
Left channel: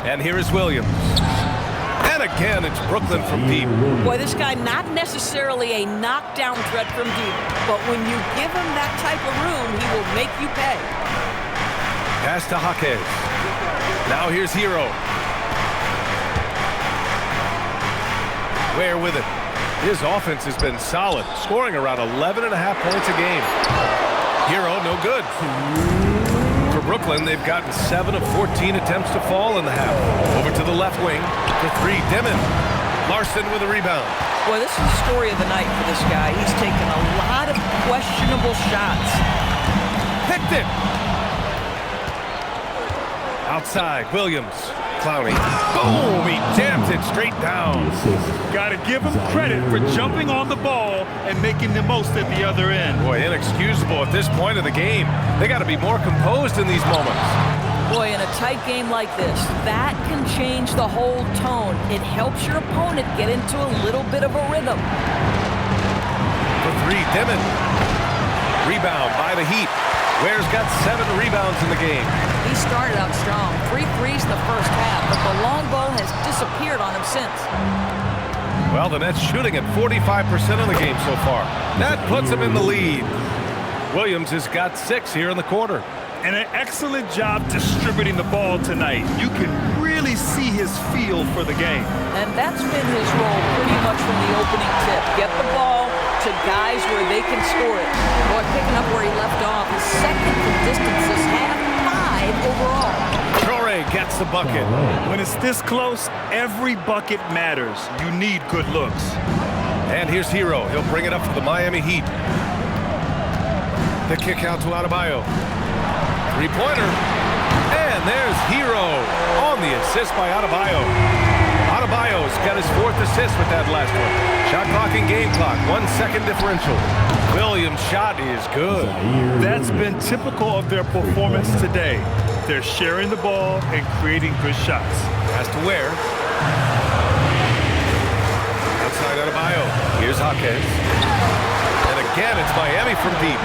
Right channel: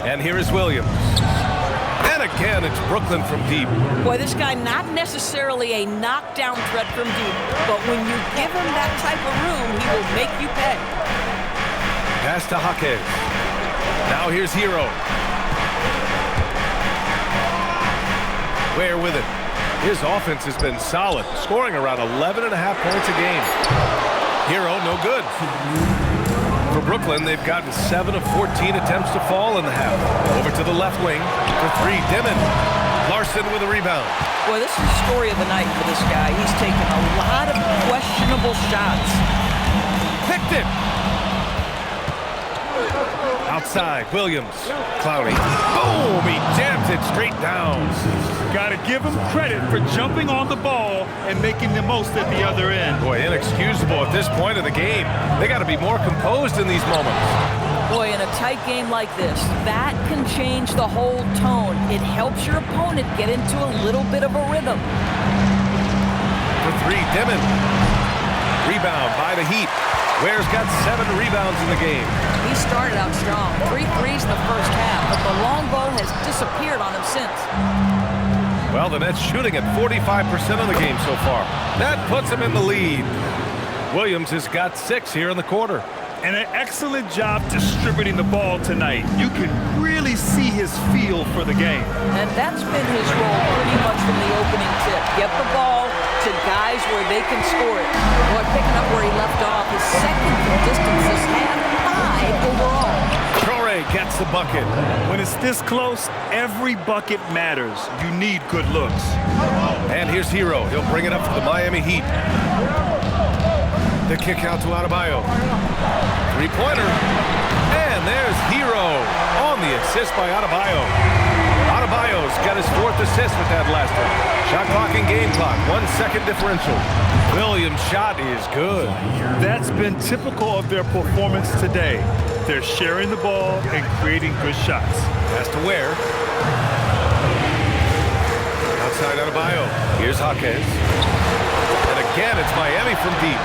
And here is Williams. And again, it's Brooklyn from deep. Boy, this guy not necessarily a knockdown threat from deep, but when you give him that type of room, he will make you pay. Pass to Jaquez. Now here's Hero. Ware with it. His offense has been solid, scoring around 11.5 points a game. Hero, no good. For Brooklyn, they've gotten 7 of 14 attempts to fall in the half. Over to the left wing for 3, Dimon. Larson with a rebound. Boy, this is the story of the night for this guy. He's taken a lot of questionable shots. Picked it. Outside, Williams. Clowney. Boom! He jams it straight down. Got to give him credit for jumping on the ball and making the most at the other end. Boy, inexcusable at this point of the game. They got to be more composed in these moments. Boy, in a tight game like this, that can change the whole tone. It helps your opponent get into a little bit of a rhythm. For 3, Dimon. Rebound by the Heat. Ware's got 7 rebounds in the game. He started out strong. 3 threes in the first half, but the long ball has disappeared on him since. Well, the Nets shooting at 45% of the game so far. That puts him in the lead. Williams has got 6 here in the quarter. And an excellent job distributing the ball tonight. You can really see his feel for the game. And that's been his role pretty much from the opening tip. Get the ball to guys where they can score it. Boy, picking up where he left off. His second from distance this half, 5 overall. Traore gets the bucket. When it's this close, every bucket matters. You need good looks. And here's Hero. He'll bring it up for the Miami Heat. The kick out to Adebayo. Three-pointer. And there's Hero on the assist by Adebayo. Adebayo's got his 4th assist with that last one. Shot clock and game clock, 1 second differential. Williams' shot is good. That's been typical of their performance today. They're sharing the ball and creating good shots. Pass to Ware. Outside Adebayo. Here's Jaquez. And again, it's Miami from deep.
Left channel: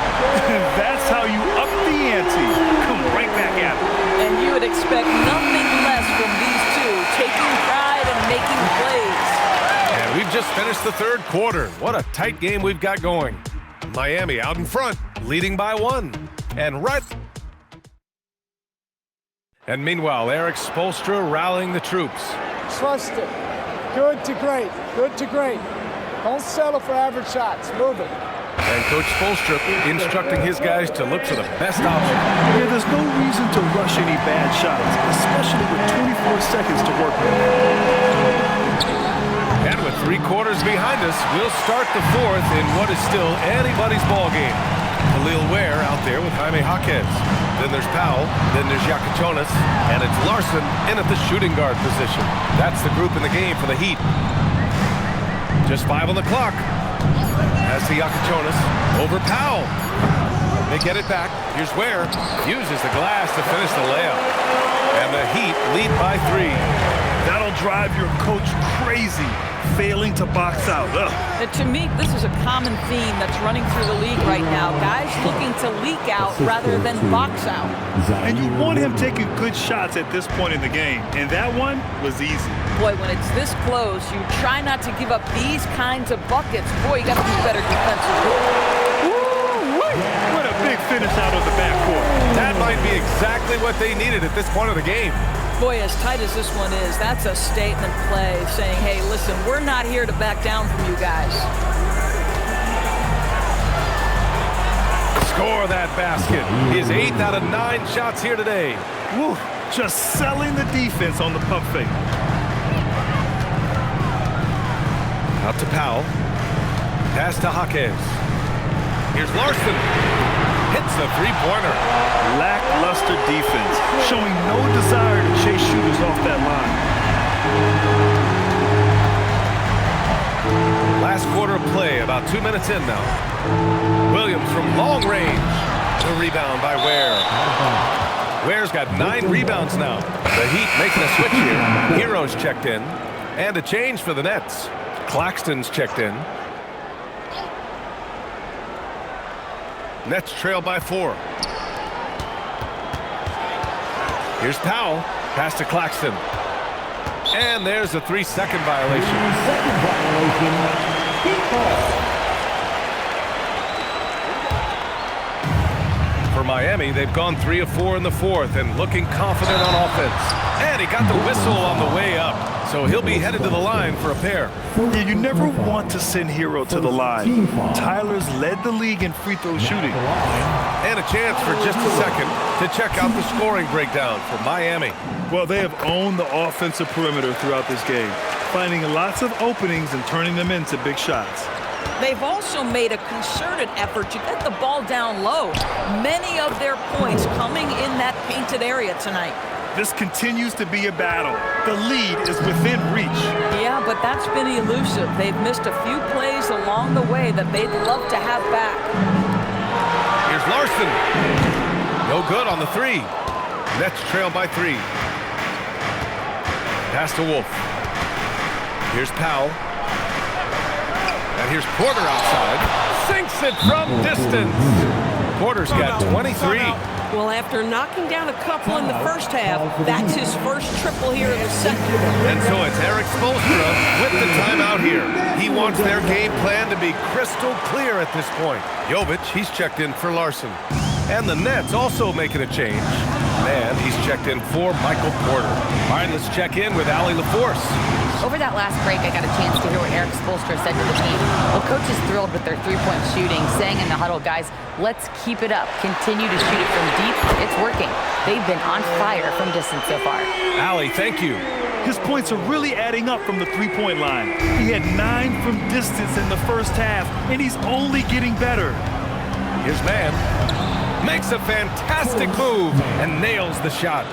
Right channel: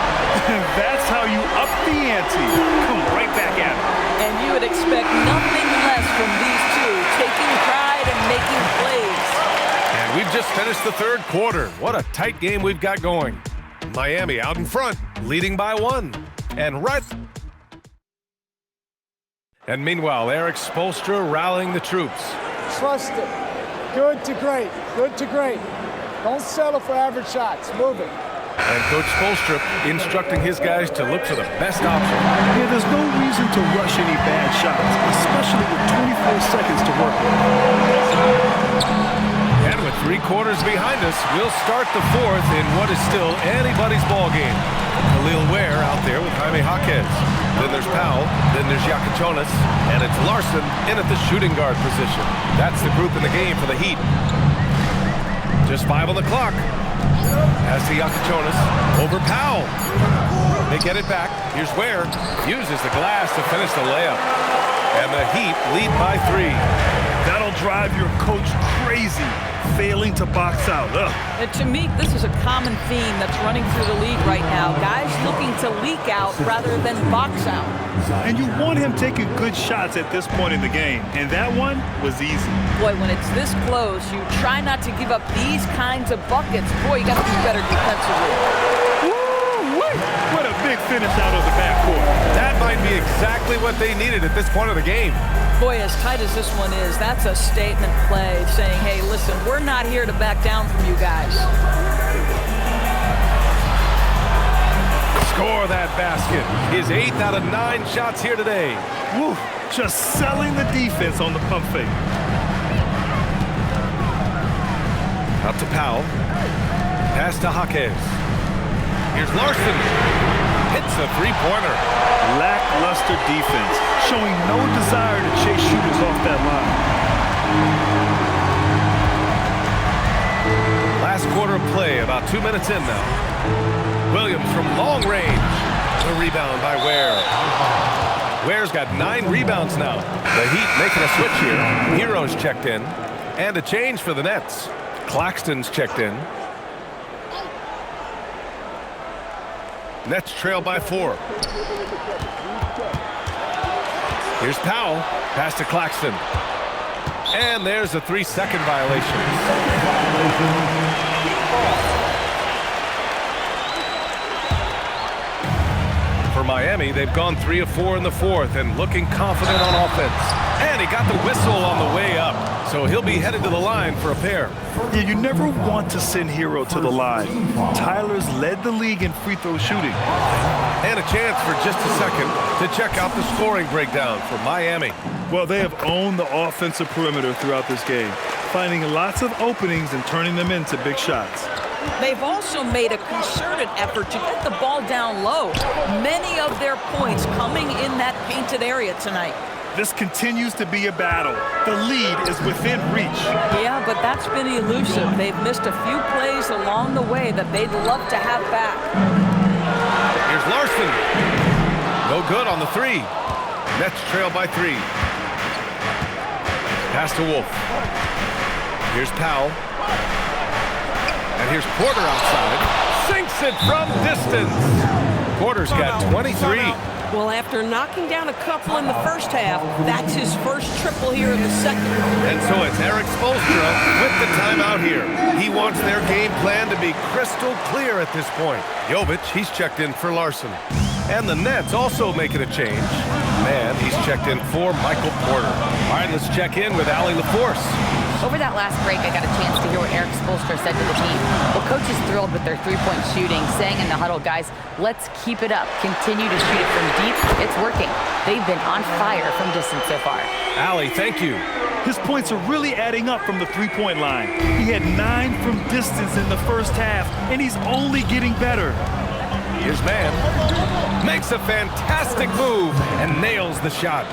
That's how you up the ante. Come right back at him. And you would expect nothing less from these two, taking pride and making plays. And we've just finished the 3rd quarter. What a tight game we've got going. Miami out in front, leading by 1. And meanwhile, Eric Spoelstra rallying the troops. Trust it. Good to great. Good to great. Don't settle for average shots. Move it. And Coach Spoelstra instructing his guys to look for the best option. Yeah, there's no reason to rush any bad shots, especially with 24 seconds to work with. And with 3 quarters behind us, we'll start the 4th in what is still anybody's ball game. Khalil Ware out there with Jaime Jaquez. Then there's Powell, then there's Iaquinconis, and it's Larson in at the shooting guard position. That's the group in the game for the Heat. Just 5 on the clock. Pass to Iaquinconis, over Powell. They get it back. Here's Ware, uses the glass to finish the layup. And the Heat lead by 3. That'll drive your coach crazy, failing to box out. And to me, this is a common theme that's running through the league right now. Guys looking to leak out rather than box out. And you want him taking good shots at this point in the game. And that one was easy. Boy, when it's this close, you try not to give up these kinds of buckets. Boy, you got to be better defensively. Woo-wee! What a big finish out of the backcourt. That might be exactly what they needed at this point of the game. Boy, as tight as this one is, that's a statement play saying, hey, listen, we're not here to back down from you guys. Score that basket. His 8th out of 9 shots here today. Woo, just selling the defense on the pump fake. Out to Powell. Pass to Jaquez. Here's Larson. hits a three-pointer. Lackluster defense, showing no desire to chase shooters off that line. Last quarter of play, about 2 minutes in now. Williams from long range. The rebound by Ware. Ware's got 9 rebounds now. The Heat making a switch here. Hero's checked in. And a change for the Nets. Claxton's checked in. Nets trail by 4. Here's Powell. Pass to Claxton. And there's a 3-second violation. For Miami, they've gone 3 of 4 in the fourth and looking confident on offense. And he got the whistle on the way up, so he'll be headed to the line for a pair. Yeah, you never want to send Hero to the line. Tyler's led the league in free throw shooting. And a chance for just a second to check out the scoring breakdown for Miami. Well, they have owned the offensive perimeter throughout this game, finding lots of openings and turning them into big shots. They've also made a concerted effort to get the ball down low. Many of their points coming in that painted area tonight. This continues to be a battle. The lead is within reach. Yeah, but that's been elusive. They've missed a few plays along the way that they'd love to have back. Here's Larson. No good on the 3. Nets trail by 3. Pass to Wolf. Here's Powell. And here's Porter outside. Sinks it from distance. Porter's got 23. Well, after knocking down a couple in the first half, that's his first triple here in the second. And so it's Eric Spoelstra with the timeout here. He wants their game plan to be crystal clear at this point. Jovic, he's checked in for Larson. And the Nets also making a change. Man, he's checked in for Michael Porter. All right, let's check in with Allie LaForce. Over that last break, I got a chance to hear what Eric Spoelstra said to the team. Well, coach is thrilled with their three-point shooting, saying in the huddle, guys, let's keep it up. Continue to shoot it from deep. It's working. They've been on fire from distance so far. Allie, thank you. His points are really adding up from the three-point line. He had 9 from distance in the first half, and he's only getting better. Here's Mann. Makes a fantastic move and nails the shot.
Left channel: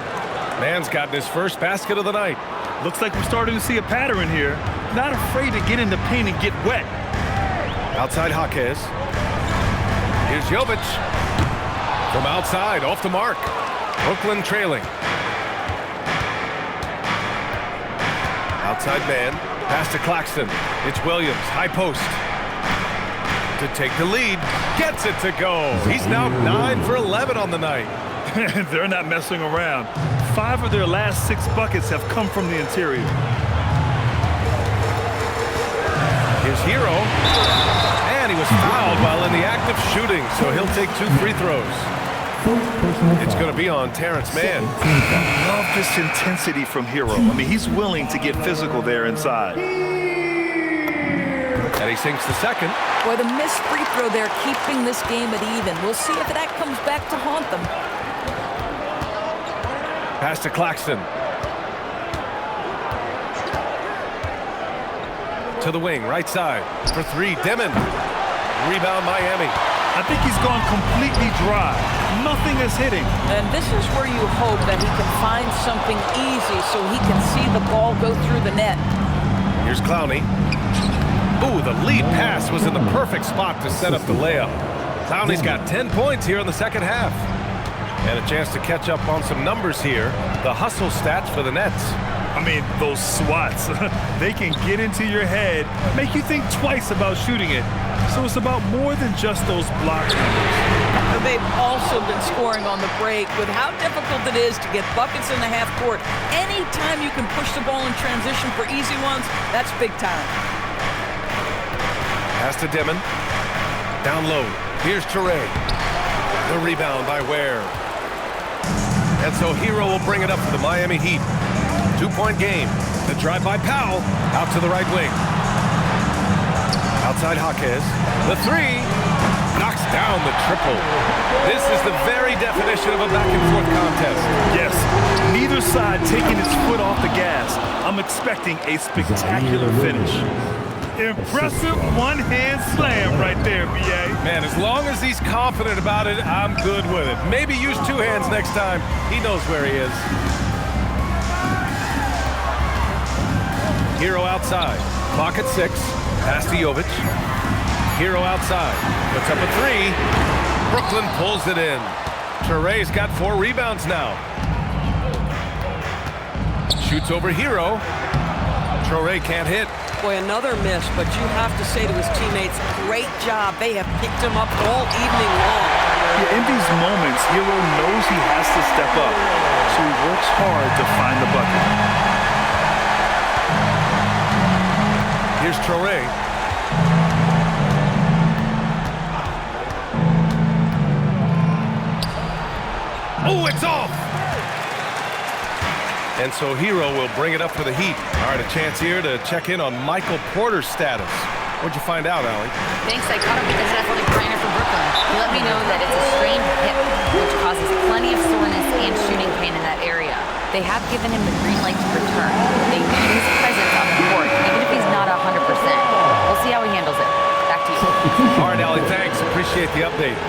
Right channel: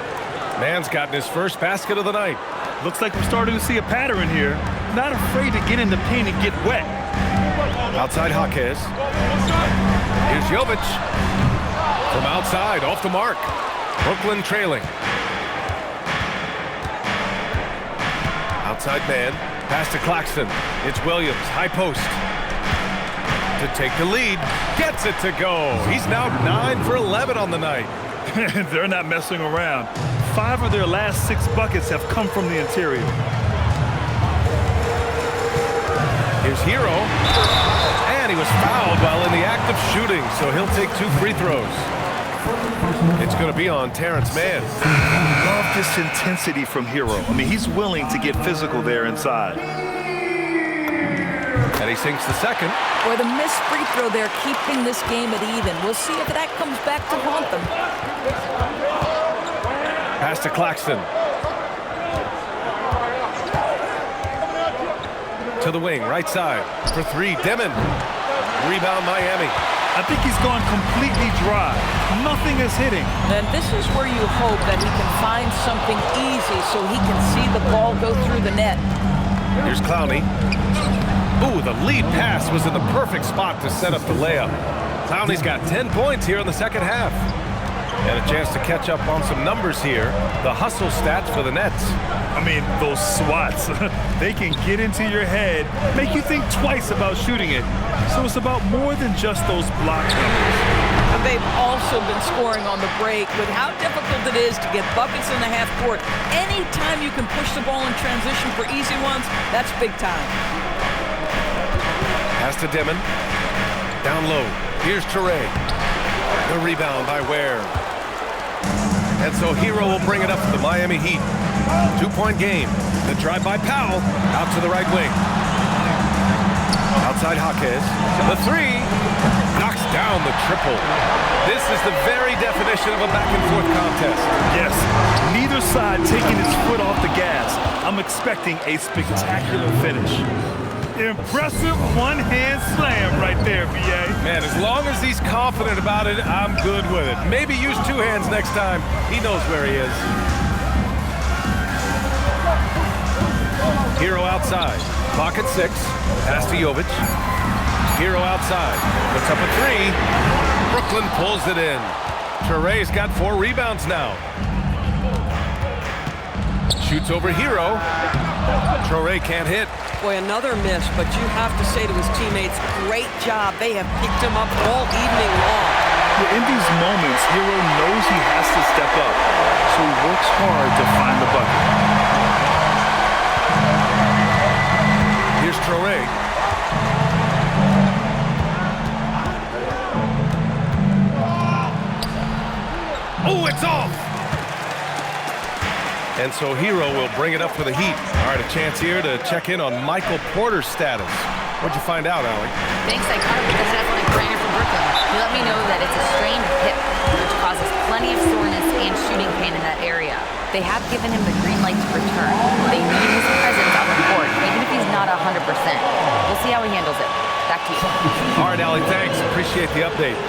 Mann's gotten his first basket of the night. Looks like we're starting to see a pattern here. Not afraid to get in the paint and get wet. Outside Jaquez. Here's Jovic. From outside, off the mark. Brooklyn trailing. Outside man. Pass to Claxton. It's Williams, high post. To take the lead. Gets it to go. He's now 9 for 11 on the night. They're not messing around. 5 of their last 6 buckets have come from the interior. Here's Hero. And he was fouled while in the act of shooting, so he'll take 2 free throws. It's going to be on Terrence Mann. Love this intensity from Hero. I mean, he's willing to get physical there inside. And he sinks the second. Boy, the missed free throw there keeping this game at even. We'll see if that comes back to haunt them. Pass to Claxton. To the wing, right side. For 3, Demon. Rebound, Miami. I think he's gone completely dry. Nothing is hitting. And this is where you hope that he can find something easy so he can see the ball go through the net. Here's Clowney. Ooh, the lead pass was in the perfect spot to set up the layup. Clowney's got 10 points here in the second half. And a chance to catch up on some numbers here. The hustle stats for the Nets. I mean, those swats, they can get into your head, make you think twice about shooting it. So it's about more than just those block numbers. And they've also been scoring on the break with how difficult it is to get buckets in the half court. Anytime you can push the ball in transition for easy ones, that's big time. Pass to Demon. Down low. Here's Toure. The rebound by Ware. And so Hero will bring it up for the Miami Heat. 2-point game. The drive by Powell. Out to the right wing. Outside Jaquez. The 3. Knocks down the triple. This is the very definition of a back-and-forth contest. Yes, neither side taking its foot off the gas. I'm expecting a spectacular finish. Impressive one-hand slam right there, B.A. Man, as long as he's confident about it, I'm good with it. Maybe use two hands next time. He knows where he is. Hero outside. Clock at 6. Pass to Jovic. Hero outside. Puts up a 3. Brooklyn pulls it in. Touré's got 4 rebounds now. Shoots over Hero. Touré can't hit. Boy, another miss, but you have to say to his teammates, great job. They have picked him up all evening long. Yeah, in these moments, Hero knows he has to step up, so he works hard to find the bucket. Here's Touré. Oh, it's off! And so Hero will bring it up for the Heat. All right, a chance here to check in on Michael Porter's status. What'd you find out, Allie? Thanks, I caught up with the head athletic trainer for Brooklyn. He let me know that it's a strained hip, which causes plenty of soreness and shooting pain in that area. They have given him the green light to return. They need his presence on the court, even if he's not 100%. We'll see how he handles it. Back to you. All right, Allie, thanks. Appreciate the update.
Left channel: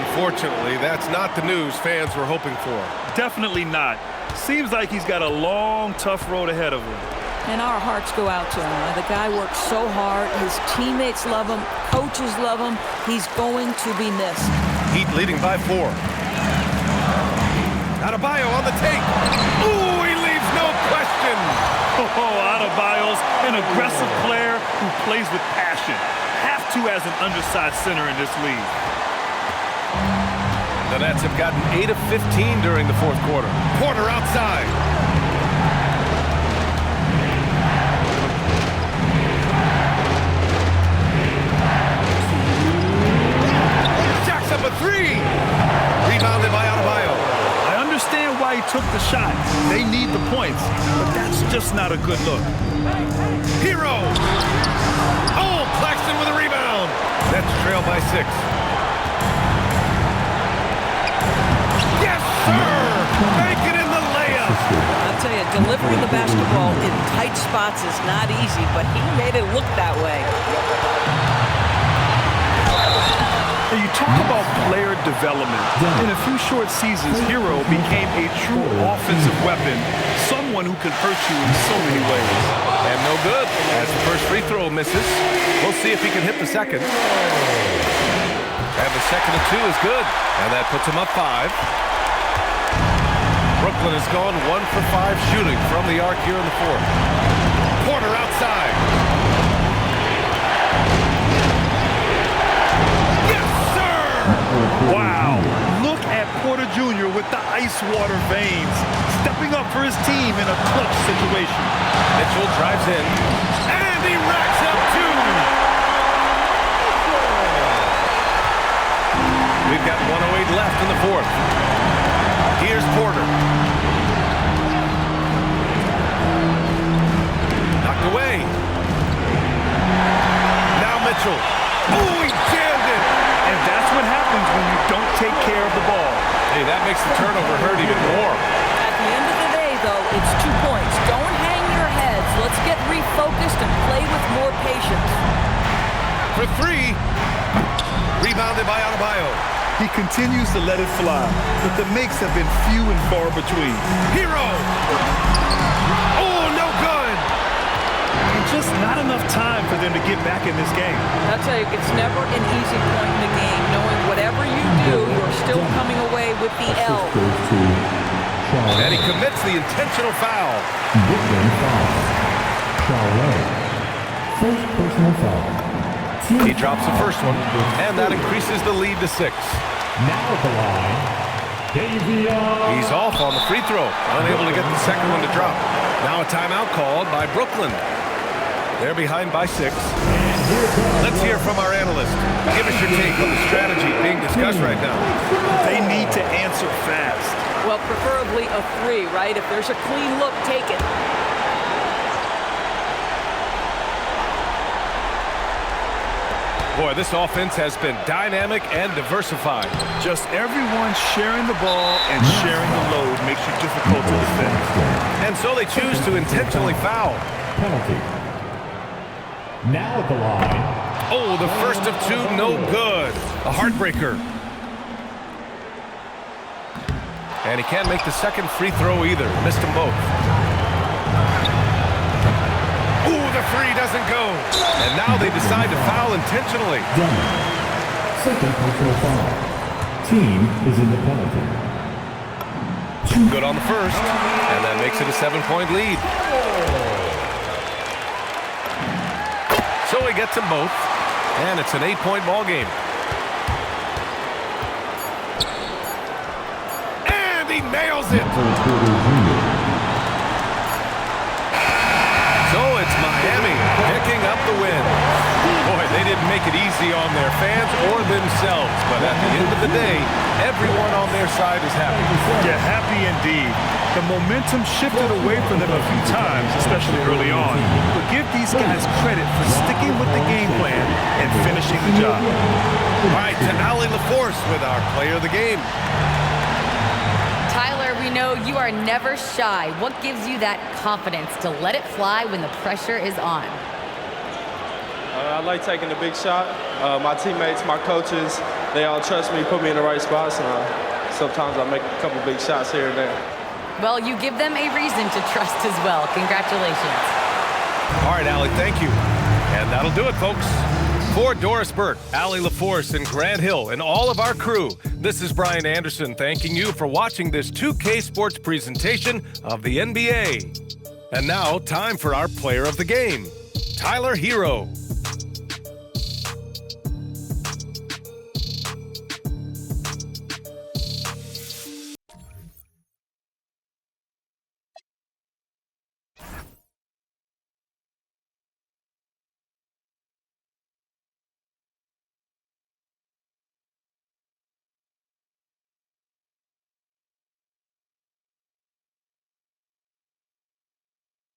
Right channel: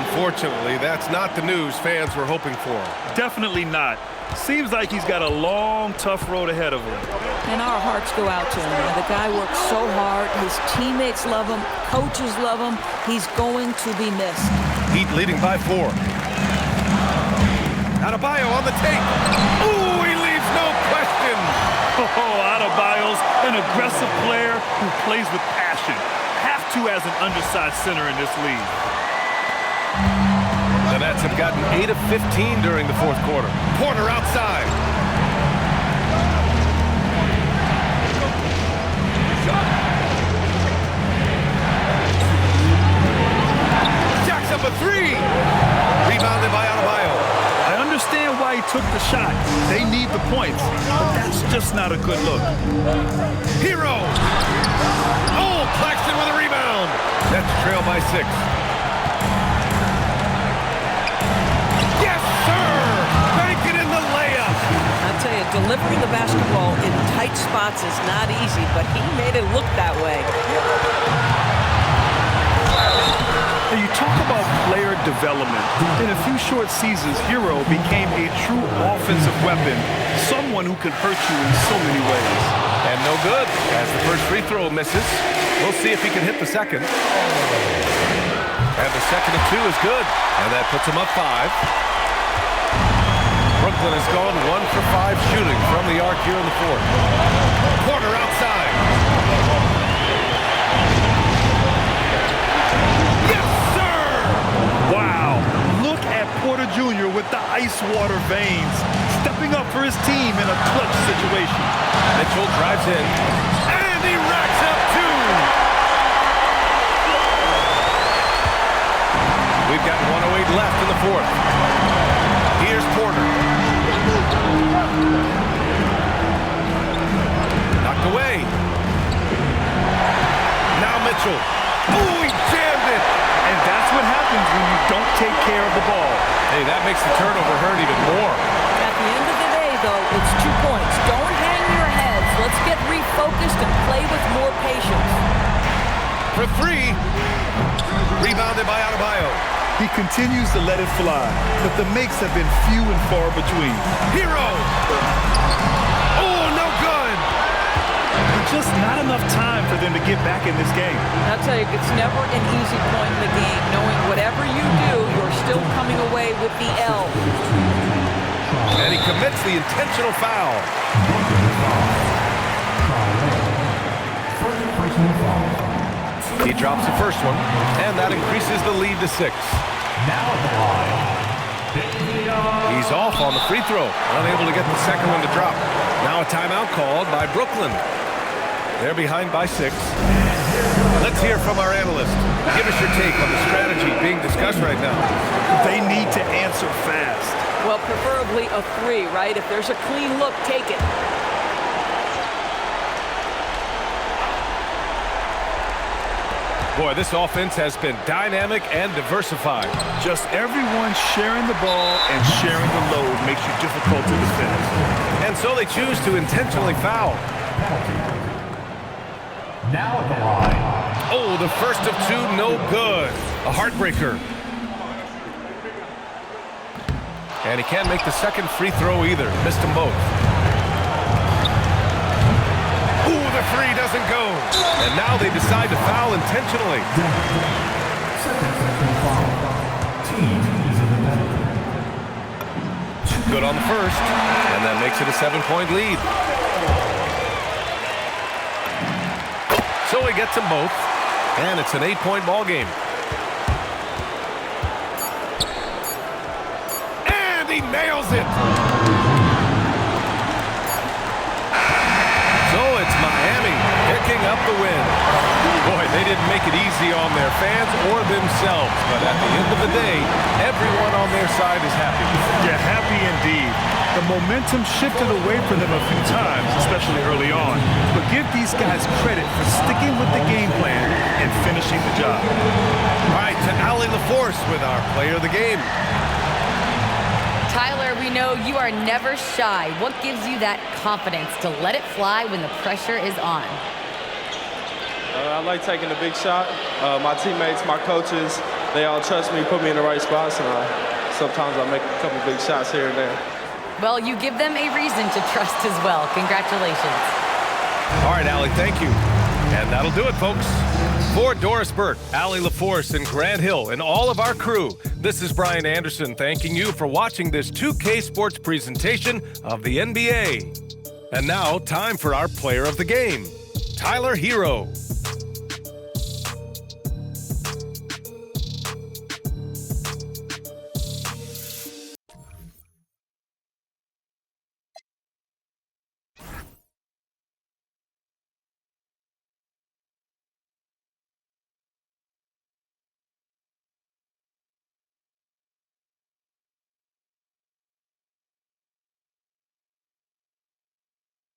Unfortunately, that's not the news fans were hoping for. Definitely not. Seems like he's got a long, tough road ahead of him. And our hearts go out to him. The guy works so hard. His teammates love him. Coaches love him. He's going to be missed. Heat leading by 4. Adebayo on the take. Ooh, he leaves no question. Oh, Adebayo's an aggressive player who plays with passion. Have to as an undersized center in this league. The Nets have gotten 8 of 15 during the fourth quarter. Porter outside. Jacks up a 3. Rebounded by Adebayo. I understand why he took the shot. They need the points, but that's just not a good look. Hero. Oh, Claxton with a rebound. Nets trail by 6. Yes, sir! Make it in the layup! I'll tell you, delivering the basketball in tight spots is not easy, but he made it look that way. And you talk about player development. In a few short seasons, Hero became a true offensive weapon, someone who can hurt you in so many ways. And no good, as the first free throw misses. We'll see if he can hit the second. And the second of 2 is good, and that puts him up 5. Brooklyn has gone 1 for 5 shooting from the arc here in the fourth. Porter outside. Yes, sir! Wow, look at Porter Jr. with the ice water veins, stepping up for his team in a clutch situation. Mitchell drives in, and he racks up 2. We've got 1:08 left in the fourth. Here's Porter. Knocked away. Now Mitchell. Oh, he jammed it. And that's what happens when you don't take care of the ball. Hey, that makes the turnover hurt even more. At the end of the day, though, it's 2 points. Don't hang your heads. Let's get refocused and play with more patience. For 3. Rebounded by Adebayo. He continues to let it fly, but the makes have been few and far between. Hero! Oh, no good! And just not enough time for them to get back in this game. I'll tell you, it's never an easy point in the game, knowing whatever you do, you're still coming away with the L. And he commits the intentional foul. Brooklyn foul. Traoré. First personal foul. He drops the first one, and that increases the lead to 6. Now at the line, He's off on the free throw, unable to get the second one to drop. Now a timeout called by Brooklyn. They're behind by 6. Let's hear from our analyst. Give us your take on the strategy being discussed right now. They need to answer fast. Well, preferably a 3, right? If there's a clean look, take it. Boy, this offense has been dynamic and diversified. Just everyone sharing the ball and sharing the load makes you difficult to defend. And so they choose to intentionally foul. penalty. Now at the line. Oh, the first of two, no good. A heartbreaker. And he can't make the second free throw either. Missed them both. Ooh, the three doesn't go. And now they decide to foul intentionally. Down. Second personal foul. Team is in the penalty. Good on the first. And that makes it a 7-point lead. So he gets them both. And it's an 8-point ball game. And he nails it. So it's Miami picking up the win. Boy, they didn't make it easy on their fans or themselves. But at the end of the day, everyone on their side is happy. Yeah, happy indeed. The momentum shifted away from them a few times, especially early on. But give these guys credit for sticking with the game plan and finishing the job. All right, to Allie LaForce with our player of the game. Tyler, we know you are never shy. What gives you that confidence to let it fly when the pressure is on? I like taking the big shot. My teammates, my coaches, they all trust me, put me in the right spots, and sometimes I make a couple big shots here and there. Well, you give them a reason to trust as well. Congratulations. All right, Allie, thank you. And that'll do it, folks. For Doris Burke, Allie LaForce, and Grant Hill, and all of our crew, this is Brian Anderson thanking you for watching this 2K Sports presentation of the NBA. And now, time for our player of the game, Tyler Herro.